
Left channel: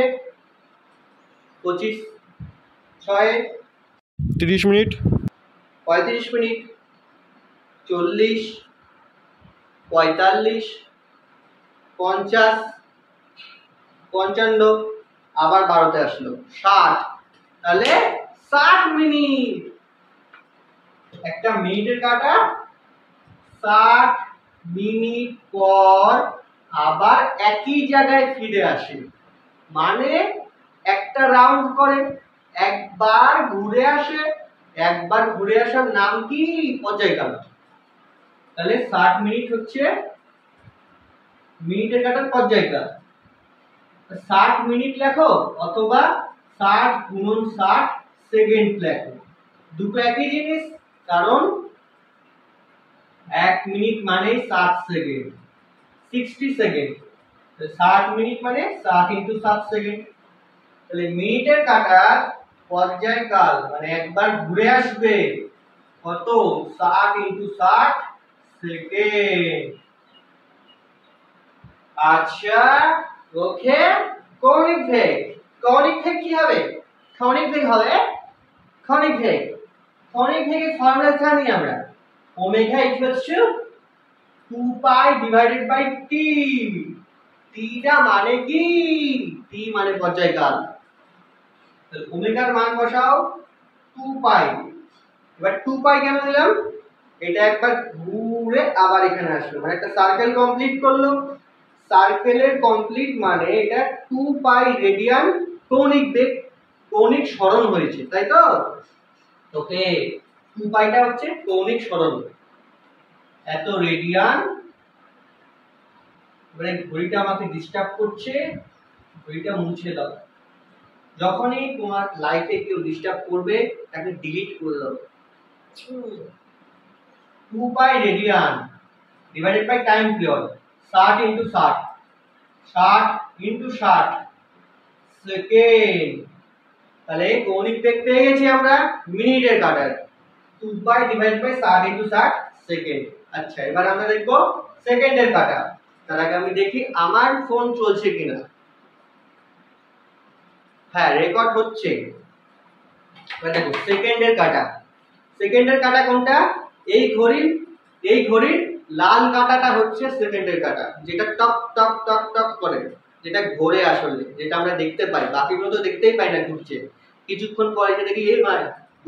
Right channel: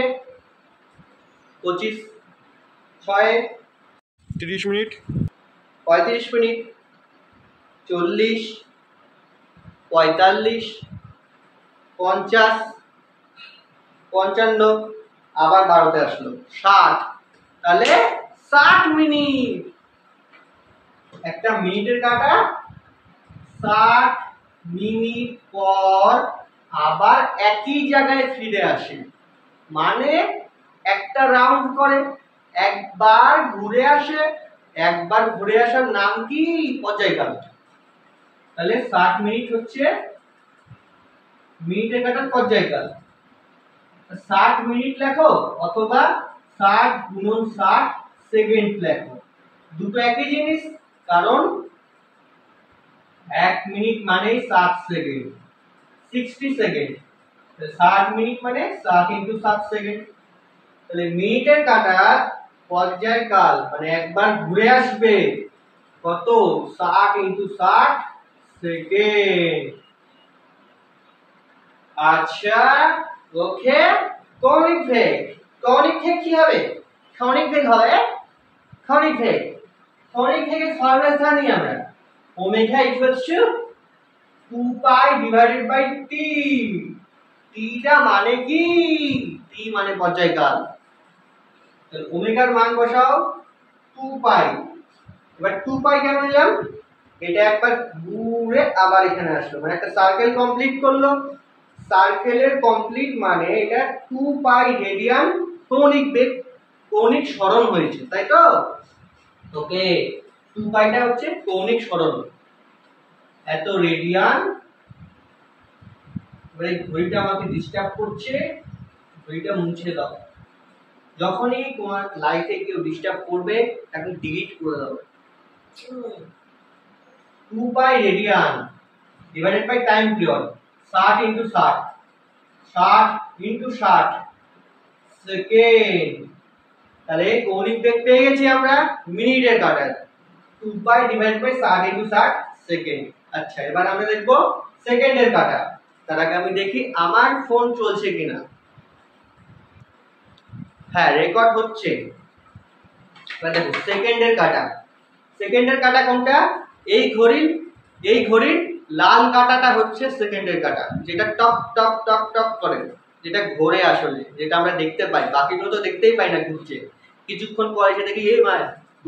25, 6 30 মিনিট, 35 মিনিট, 40, 45, 50, 55, আবার 12তে আসলো 60, তাহলে 60 মিনিট। একটা মিনিটের কাটা 60 মিনিট পর আবার একই জায়গায় ফিরে আসে, মানে একটা রাউন্ড করে, একবার ঘুরে আসে। একবার ঘুরে আসার নাম কি? পর্যায়কাল। তাহলে 60 মিনিট হচ্ছে মিনিটের কাটার পর্যায়কাল। 60 মিনিট লেখো অথবা 60 গুণন 60 সেকেন্ড লেখো, দুটো একই জিনিস, কারণ 1 মিনিট মানে 60 সেকেন্ড, 60 সেকেন্ড। 60 মিনিট মানে 60 ইন্টু 60 সেকেন্ড। তাহলে মিনিটের কাটার পর্যায়কাল মানে একবার ঘুরে আসবে কত? 60 ইন্টু 60 সেকেন্ড। আচ্ছা, ওকে। কৌণিক বেগ, কৌণিক বেগ কি হবে? কৌণিক বেগ হবে কৌণিক বেগ। কৌণিক বেগের ফর্মুলা জানি আমরা, omega equals to 2 pi divided by T. টিটা মানে কি? টি মানে পর্যায়কাল। তাহলে ওমেগার মান বসাও 2 পাই। এবার 2 পাই কেন নিলাম? এটা একবার ঘুরে আবার এখানে আসলো, মানে একটা সার্কেল কমপ্লিট করলো। সার্কেলের কমপ্লিট মানে এটা 2 পাই রেডিয়ান কৌণিক বেগ, কৌণিক সরণ হয়েছে, তাই তো? ওকে, 2 পাইটা হচ্ছে কৌণিক সরণ, এত রেডিয়ান। এবারে ঘড়িটা আমাকে ডিস্টার্ব করছে, ঘড়িটা মুছে দাও। যখনই তোমার লাইফে কেউ ডিস্টার্ব করবে তাকে ডিলিট করে দাও। 2 pi radian divided by time period, 60 into 60, 60 into 60 second. তাহলে কৌণিক বেগ পেয়ে গেছি আমরা মিনিটের কাটার, 2 pi divided by 60 into 60 second. আচ্ছা, এবার আমরা দেখব সেকেন্ডের কাটা। তার আগে আমি দেখি আমার ফোন চলছে কিনা। হ্যাঁ, রেকর্ড হচ্ছে। এবার দেখো সেকেন্ডের কাটা। সেকেন্ডের কাটা কোনটা? এই ঘড়ির লাল কাটাটা হচ্ছে সেকেন্ডের কাটা, যেটা টক টক টক টক করে, যেটা ঘোরে আসলে, যেটা আমরা দেখতে পাই। বাকিগুলো তো দেখতেই পাই না ঘুরছে। কিছুক্ষণ পরে এসে দেখি এই মা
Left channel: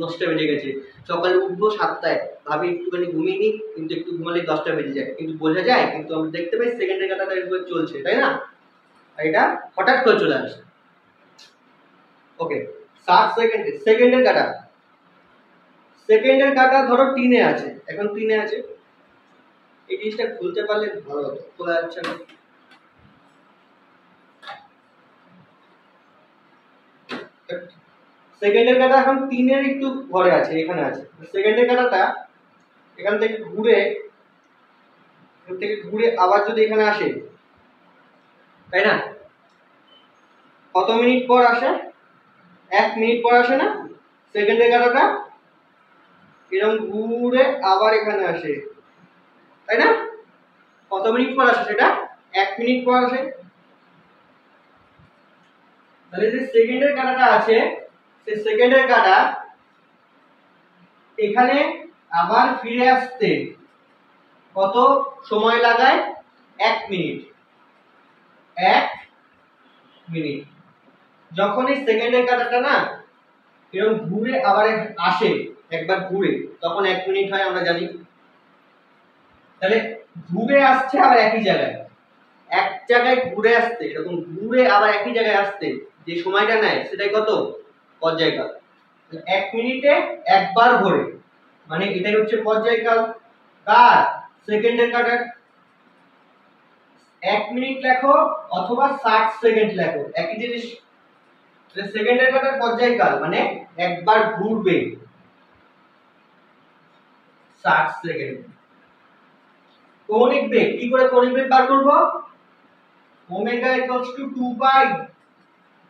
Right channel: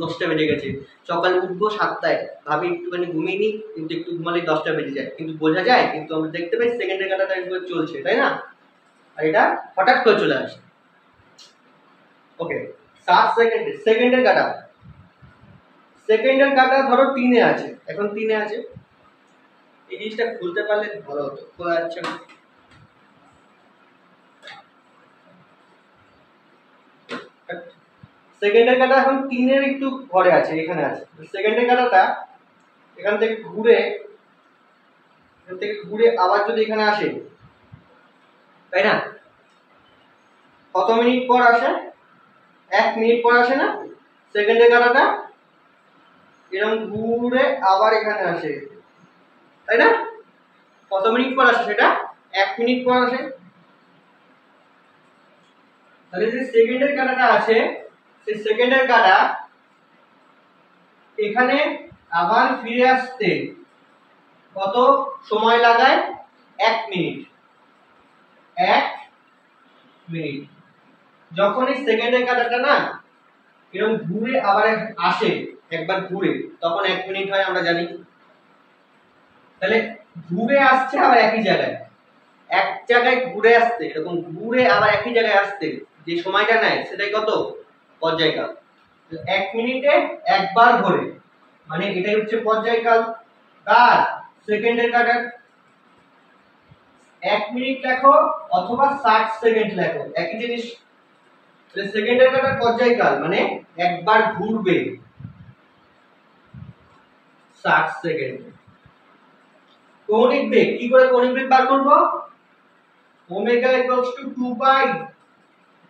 10টা বেজে গেছে। সকালে উঠবো 7টায়, ভাবি একটুখানি ঘুমিয়ে নিই, কিন্তু একটু ঘুমালে 10টা বেজে যায়, কিন্তু বোঝা যায়, কিন্তু আমরা দেখতে পাই সেকেন্ডের কাটাটা একবার চলছে, তাই না? আর এটা হঠাৎ করে চলে আসে। ওকে, 60 সেকেন্ডে সেকেন্ডের কাটা। সেকেন্ডের কাটা ধরো 3-এ আছে, এখন 3-এ আছে। এই জিনিসটা খুলতে পারলে ভালো হতো, খোলা যাচ্ছে না। সেকেন্ডের কাটা এখন 3-এর একটু ঘরে আছে, এখানে আছে। সেকেন্ডের কাটাটা এখান থেকে ঘুরে আবার যদি এখানে আসে, তাই না? কত মিনিট পর আসে? 1 মিনিট পর আসে না? সেকেন্ডের কাটাটা এরকম ঘুরে আবার এখানে আসে, তাই না? কত মিনিট পর আসে সেটা? 1 মিনিট পর আসে। তাহলে যে সেকেন্ডের কাটাটা আছে, সেই সেকেন্ডের কাটা এখানে আবার ফিরে আসতে কত সময় লাগায়? 1 মিনিট। 1 মিনিট। যখন এই সেকেন্ডের কাটাটা না এরকম ঘুরে আবার আসে, একবার ঘুরে, তখন 1 মিনিট হয়, আমরা জানি। তাহলে ঘুরে আসছে আবার একই জায়গায়, এক জায়গায় ঘুরে আসতে, এরকম ঘুরে আবার একই জায়গায় আসতে যে সময়টা নেয় সেটাই কত? পর্যায়কাল। 1 মিনিটে একবার ঘোরে, মানে এটাই হচ্ছে পর্যায়কাল। কার? সেকেন্ডের কাটার। 1 মিনিট লেখো অথবা 60 সেকেন্ড লেখো, একই জিনিস। সেকেন্ডের কাটার পর্যায়কাল মানে একবার ঘুরবে 60 সেকেন্ড। কৌণিক বেগ, কি করে কৌণিক বেগ বার করব? Omega equals to 2 pi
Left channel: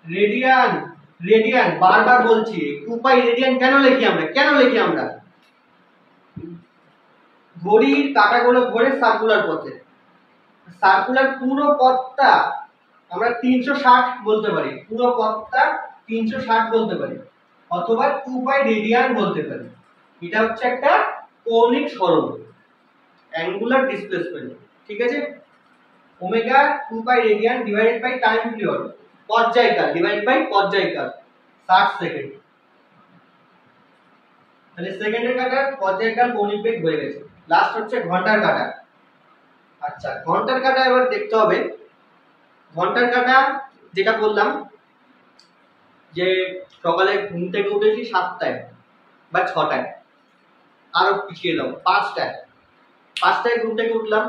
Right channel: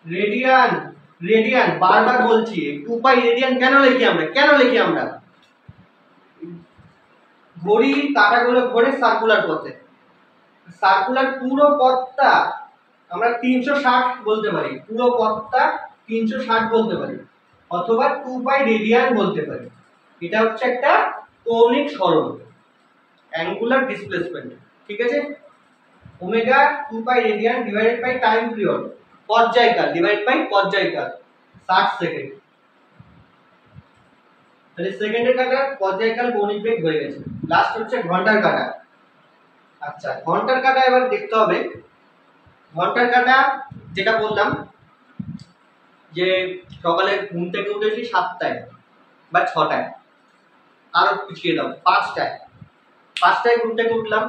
radian. Radian বারবার বলছি, 2 পাই রেডিয়ান কেন লিখি আমরা? ঘড়ির কাঁটাগুলো ঘোরে সার্কুলার পথে, সার্কুলার পুরো পথটা আমরা 360 বলতে পারি, পুরো পথটা 360 বলতে পারি, অথবা 2 পাই রেডিয়ান বলতে পারি। এটা হচ্ছে একটা কৌণিক সরণ, অ্যাঙ্গুলার ডিসপ্লেসমেন্ট, ঠিক আছে। Omega 2 pi radian divided by time period, পর্যায়কাল ডিভাইড বাই পর্যায়কাল 60 সেকেন্ড। তাহলে সেকেন্ডের কাটার পর্যায়কাল কৌণিক বেগ হয়ে গেছে। লাস্ট হচ্ছে ঘন্টার কাটা। আচ্ছা, ঘন্টার কাটা এবার দেখতে হবে। ঘন্টার কাটা যেটা বললাম যে সকালে ঘুম থেকে উঠেছি 7টায় বা 6টায়, আরো পিছিয়ে দাও 5টায় ঘুম থেকে উঠলাম,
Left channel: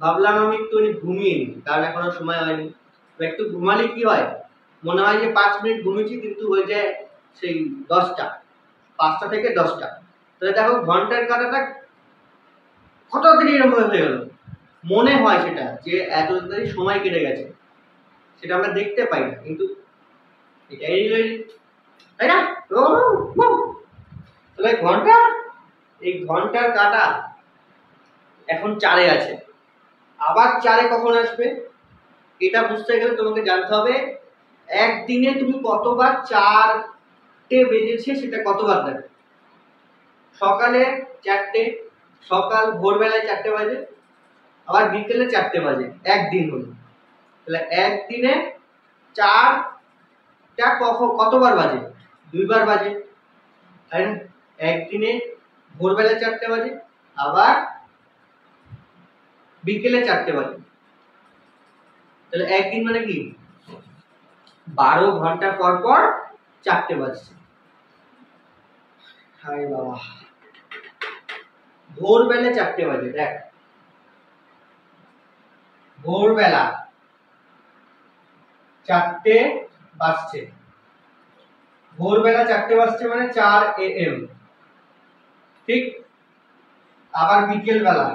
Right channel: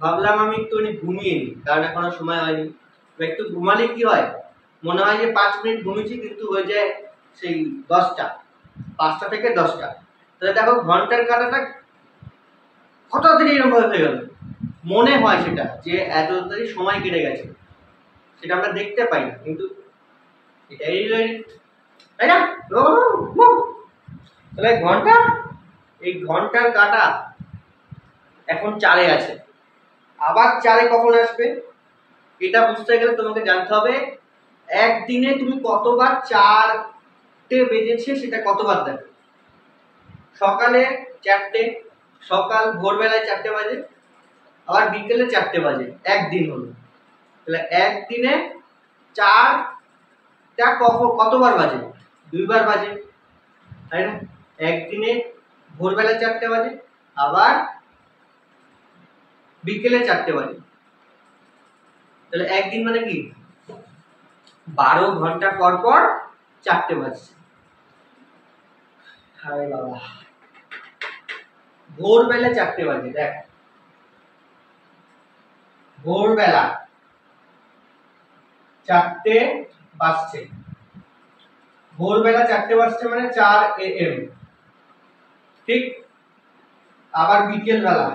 ভাবলাম আমি একটু ঘুমিয়ে নিই, কারণ এখনো সময় হয়নি। একটু ঘুমালে কি হয়, মনে হয় যে 5 মিনিট ঘুমিয়েছি, কিন্তু হয়ে যায় সেই 10টা, 5টা থেকে 10টা। তাহলে দেখো ঘন্টার কাটাটা কত তাড়াতাড়ি এরকম হয়ে গেল, মনে হয় সেটা যে এত তাড়াতাড়ি সময় কেটে গেছে, সেটা আমরা দেখতে পাই না, কিন্তু এটাই তাই না। তাহলে ঘন্টা, এই ঘন্টার কাটা এখন 4-এ আছে, আবার 4-এ কখন আসবে এটা বুঝতে গেলে তোমাকে জানতে হবে একদিনে তুমি কতবার 4টে বেজেছে সেটা কতবার দেখো। সকালে 4টে, সকাল ভোরবেলায় 4টে বাজে, আবার বিকেলে 4টে বাজে, একদিন হলো। তাহলে একদিনে 4টা কতবার বাজে, 2বার বাজে, তাই না। একদিনে ভোরবেলা 4টে বাজে, আবার বিকেলে 4টে বাজে। তাহলে একদিন মানে কি 12 ঘন্টা পর পর 4টে বাজছে। হায় বাবা, ভোরবেলা 4টে বাজে, দেখ ভোরবেলা 4টে বাজছে, ভোরবেলা 4টে বাজছে মানে 4 AM, ঠিক। আবার বিকেল বেলা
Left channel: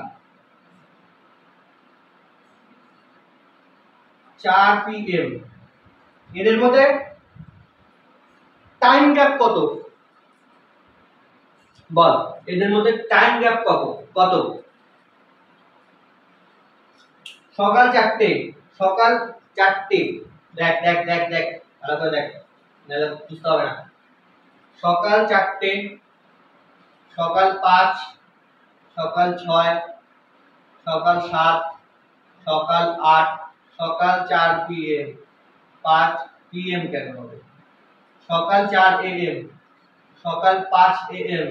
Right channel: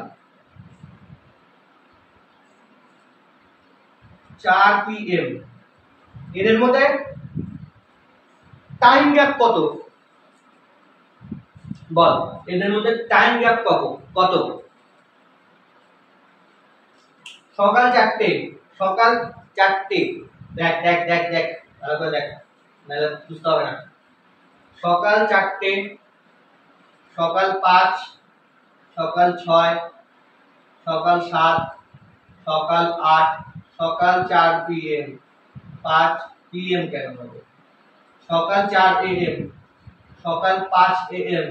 4 PM, এদের মধ্যে টাইম গ্যাপ কত বল, এদের মধ্যে টাইম গ্যাপ কত? সকাল 4টে, দেখ দেখ দেখ দেখ ভালো করে দেখ, নাহলে বুঝতে হবে না। সকাল 4টে, সকাল 5, সকাল 6, সকাল 7, সকাল 8, সকাল 4 PM, 5 PM কেন হবে, সকাল 4 AM, সকাল 5 AM,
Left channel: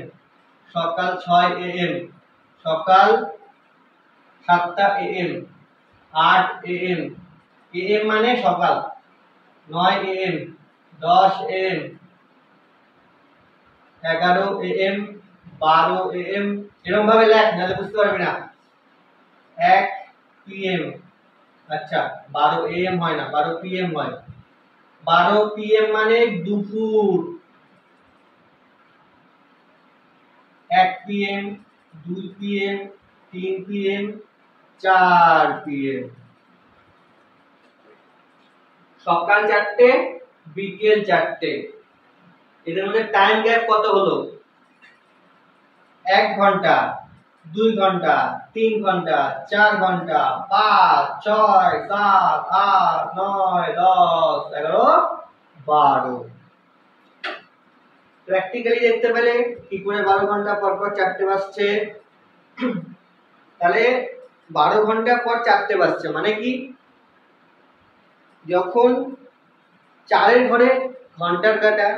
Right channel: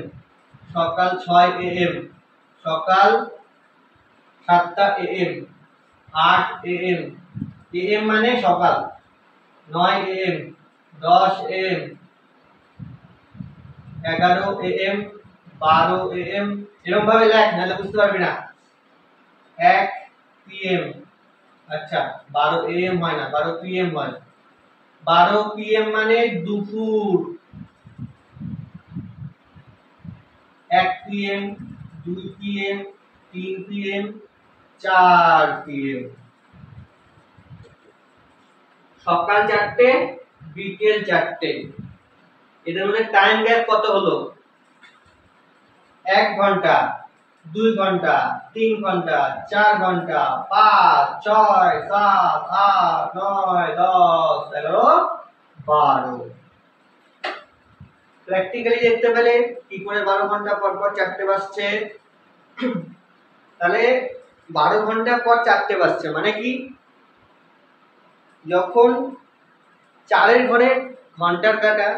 সকাল 6 AM, সকাল 7টা AM, 8 AM, AM মানে সকাল, 9 AM, 10 AM, 11 AM, 12 AM, এরকম ভাবে লেখ, নাহলে বুঝতে পারবি না। 1 PM, আচ্ছা 12 AM হয় না, 12 PM হয়। 12 PM মানে দুপুর। 1 PM, 2 PM, 3 PM, 4 PM। সকাল 4টে, বিকেল 4টে, এদের মধ্যে টাইম গ্যাপ কত হলো? 1 ঘন্টা, 2 ঘন্টা, 3 ঘন্টা, 4 ঘন্টা, 5, 6, 7, 8, 9, 10, 11, 12। প্র্যাকটিক্যালি দেখতে পেলে কি করে 12 ঘন্টা পর পর 4টে বাজছে। তাহলে 12 ঘন্টা পর 4টে বাজছে মানে কি, যখন 4-এর ঘরে ঘন্টার কাটা,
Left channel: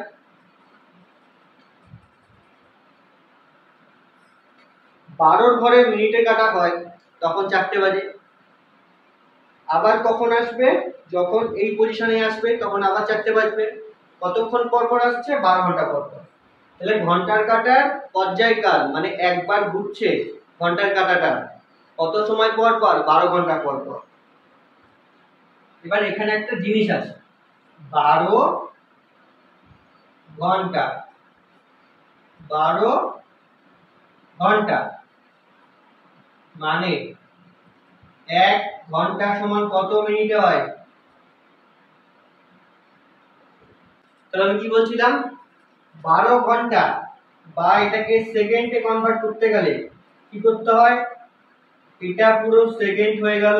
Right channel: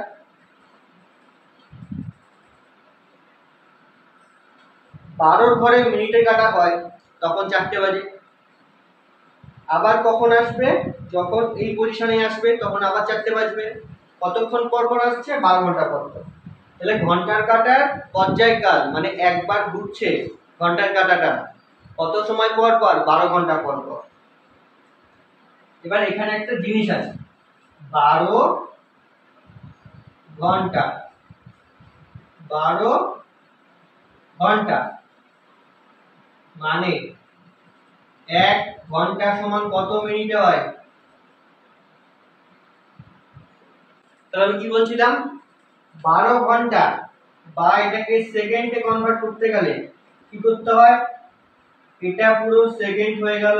12-র ঘরে মিনিটের কাটা হয়, তখন 4টে বাজে। আবার কখন আসবে, যখন এই পজিশনে আসবে তখন আবার 4টে বাজবে। কতক্ষণ পর পর আসছে, 12 ঘন্টা পর পর। তাহলে ঘন্টার কাটার পর্যায়কাল মানে একবার ঘুরছে ঘন্টার কাটাটা কত সময় পর পর, 12 ঘন্টা পর পর। এবার এখানে একটা জিনিস আছে, 12 ঘন্টা, 12 ঘন্টা মানে 1 ঘন্টা সমান কত মিনিটে হয়। তাহলে আমি কি বলছিলাম, 12 ঘন্টা বা এটাকে সেকেন্ডে কনভার্ট করতে গেলে কি করতে হয়, এটা পুরো সেকেন্ড হয়ে গেল,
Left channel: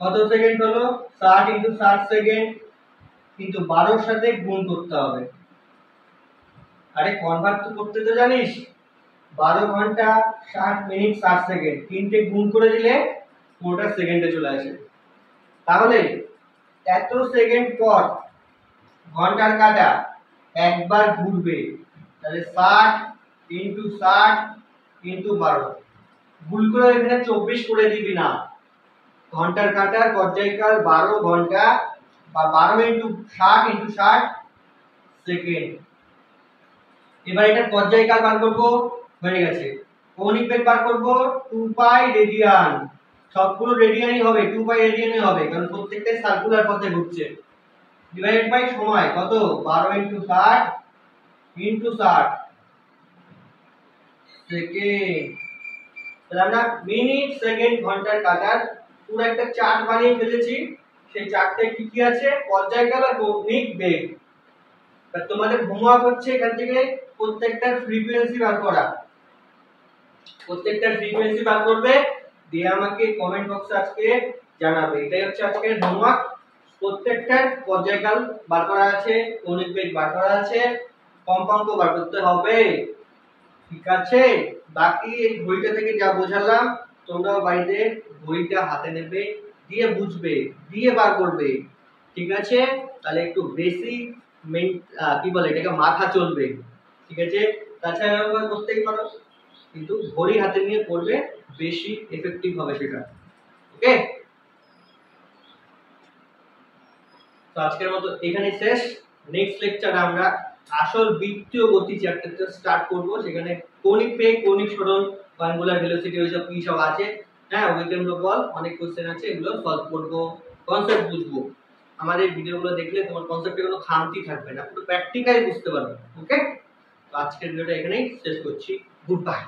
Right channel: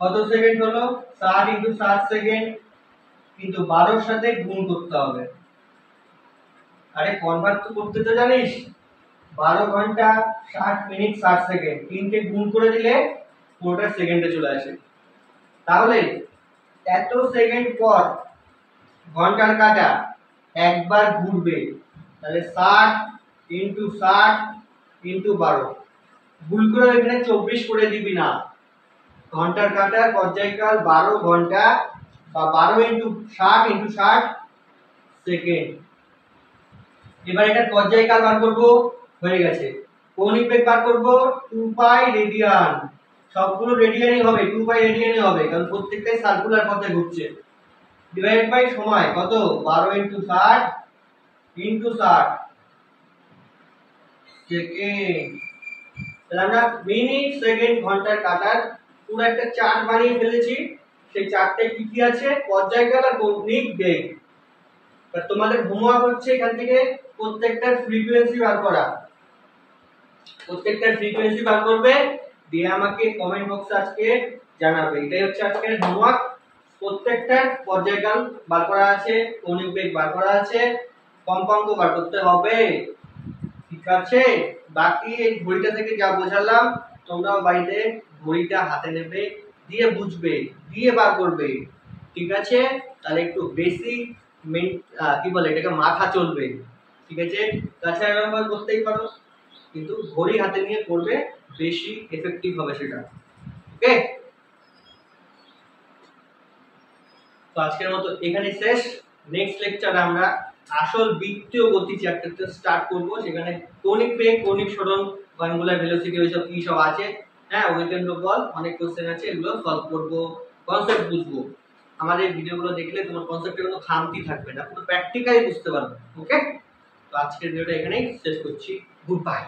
কত সেকেন্ড হলো 60 ইনটু 60 সেকেন্ড, কিন্তু 12 এর সাথে গুণ করতে হবে। আরে কনভার্ট তো করতে তো জানিস, 12 ঘন্টা 60 মিনিট 60 সেকেন্ড, তিনটে গুণ করে দিলে পুরোটা সেকেন্ডে চলে আসে। তাহলে এত সেকেন্ড পর ঘন্টার কাঁটা একবার ঘুরবে, তাহলে 60 ইনটু 60 ইনটু 12, ভুল করে এখানে 24 করে দিবি না। ঘন্টার কাঁটার পর্যায়কাল 12 ঘন্টা বা 12 ইনটু 60 ইনটু 60 সেকেন্ড। এবার এটা পর্যায়কাল বার করব, হয়ে গেছে। কৌণিক বেগ বার করব 2 পাই রেডিয়ান, সবগুলো রেডিয়ানই হবে, 2 পাই রেডিয়ানই হবে, কারণ প্রত্যেকটাই সার্কুলার পথে ঘুরছে। ডিভাইড বাই সময় কত 12 ইনটু 60 ইনটু 60 সেকেন্ড। তাহলে আমরা মিনিট সেকেন্ড ঘন্টার কাটার পুরো একটা চার্ট বানিয়ে ফেলেছি। সেই চার্টে কি কি আছে, পর্যায়কাল আর কৌণিক বেগ। তা তোমাদের হোমওয়ার্ক হচ্ছে এখান থেকে প্রত্যেকটার ফ্রিকোয়েন্সি বার করা, প্রত্যেকটার ফ্রিকোয়েন্সি বার করবে, দিয়ে আমাকে কমেন্ট বক্সে আজকে জানাবে। এটাই হচ্ছে আজকের হোমওয়ার্ক। প্রত্যেকটার পর্যায়কাল বার করা আছে, কৌণিক বেগ বার করা আছে, কম্পাঙ্ক বার করতে হবে, ঠিক আছে। বাকি এই ঘড়িটা থেকে যা বোঝালাম তোমরাও বাড়িতে ঘড়িটা হাতে নেবে, দিয়ে বুঝবে, দিয়ে বার করবে, ঠিক আছে। তাহলে একটু বেশি কি বলে এটাকে মাথা চলবে, ঠিক আছে। তাছাড়া আবার করতেই পারো, কিন্তু ঘড়ি হাতে নিয়ে করবে, বেশি এফেক্টিভ হবে সেটা, ওকে। তো আজকের মতো এখানে শেষ। নেক্সট লেকচারে আমরা আসল বৃত্তীয় গতি চ্যাপ্টারটা স্টার্ট করব, সেখানে কৌণিক বেগ, কৌণিক সরণ, অ্যাঙ্গুলার ভেলোসিটি ওইসব কি সব আছে, হ্যাঁ উইকেন্ড বল, অনেক কোশ্চেন আছে, এগুলো সলভ করব, কনসেপ্ট বুঝবো। আমাদের ভিডিওগুলো দেখলে তোমার কনসেপ্টে কোনো খামতি থাকবে না, পুরো প্র্যাকটিক্যালি বুঝতে পারবে, ওকে। তো আজকের ভিডিওটা এখানেই শেষ করছি, গুড বাই।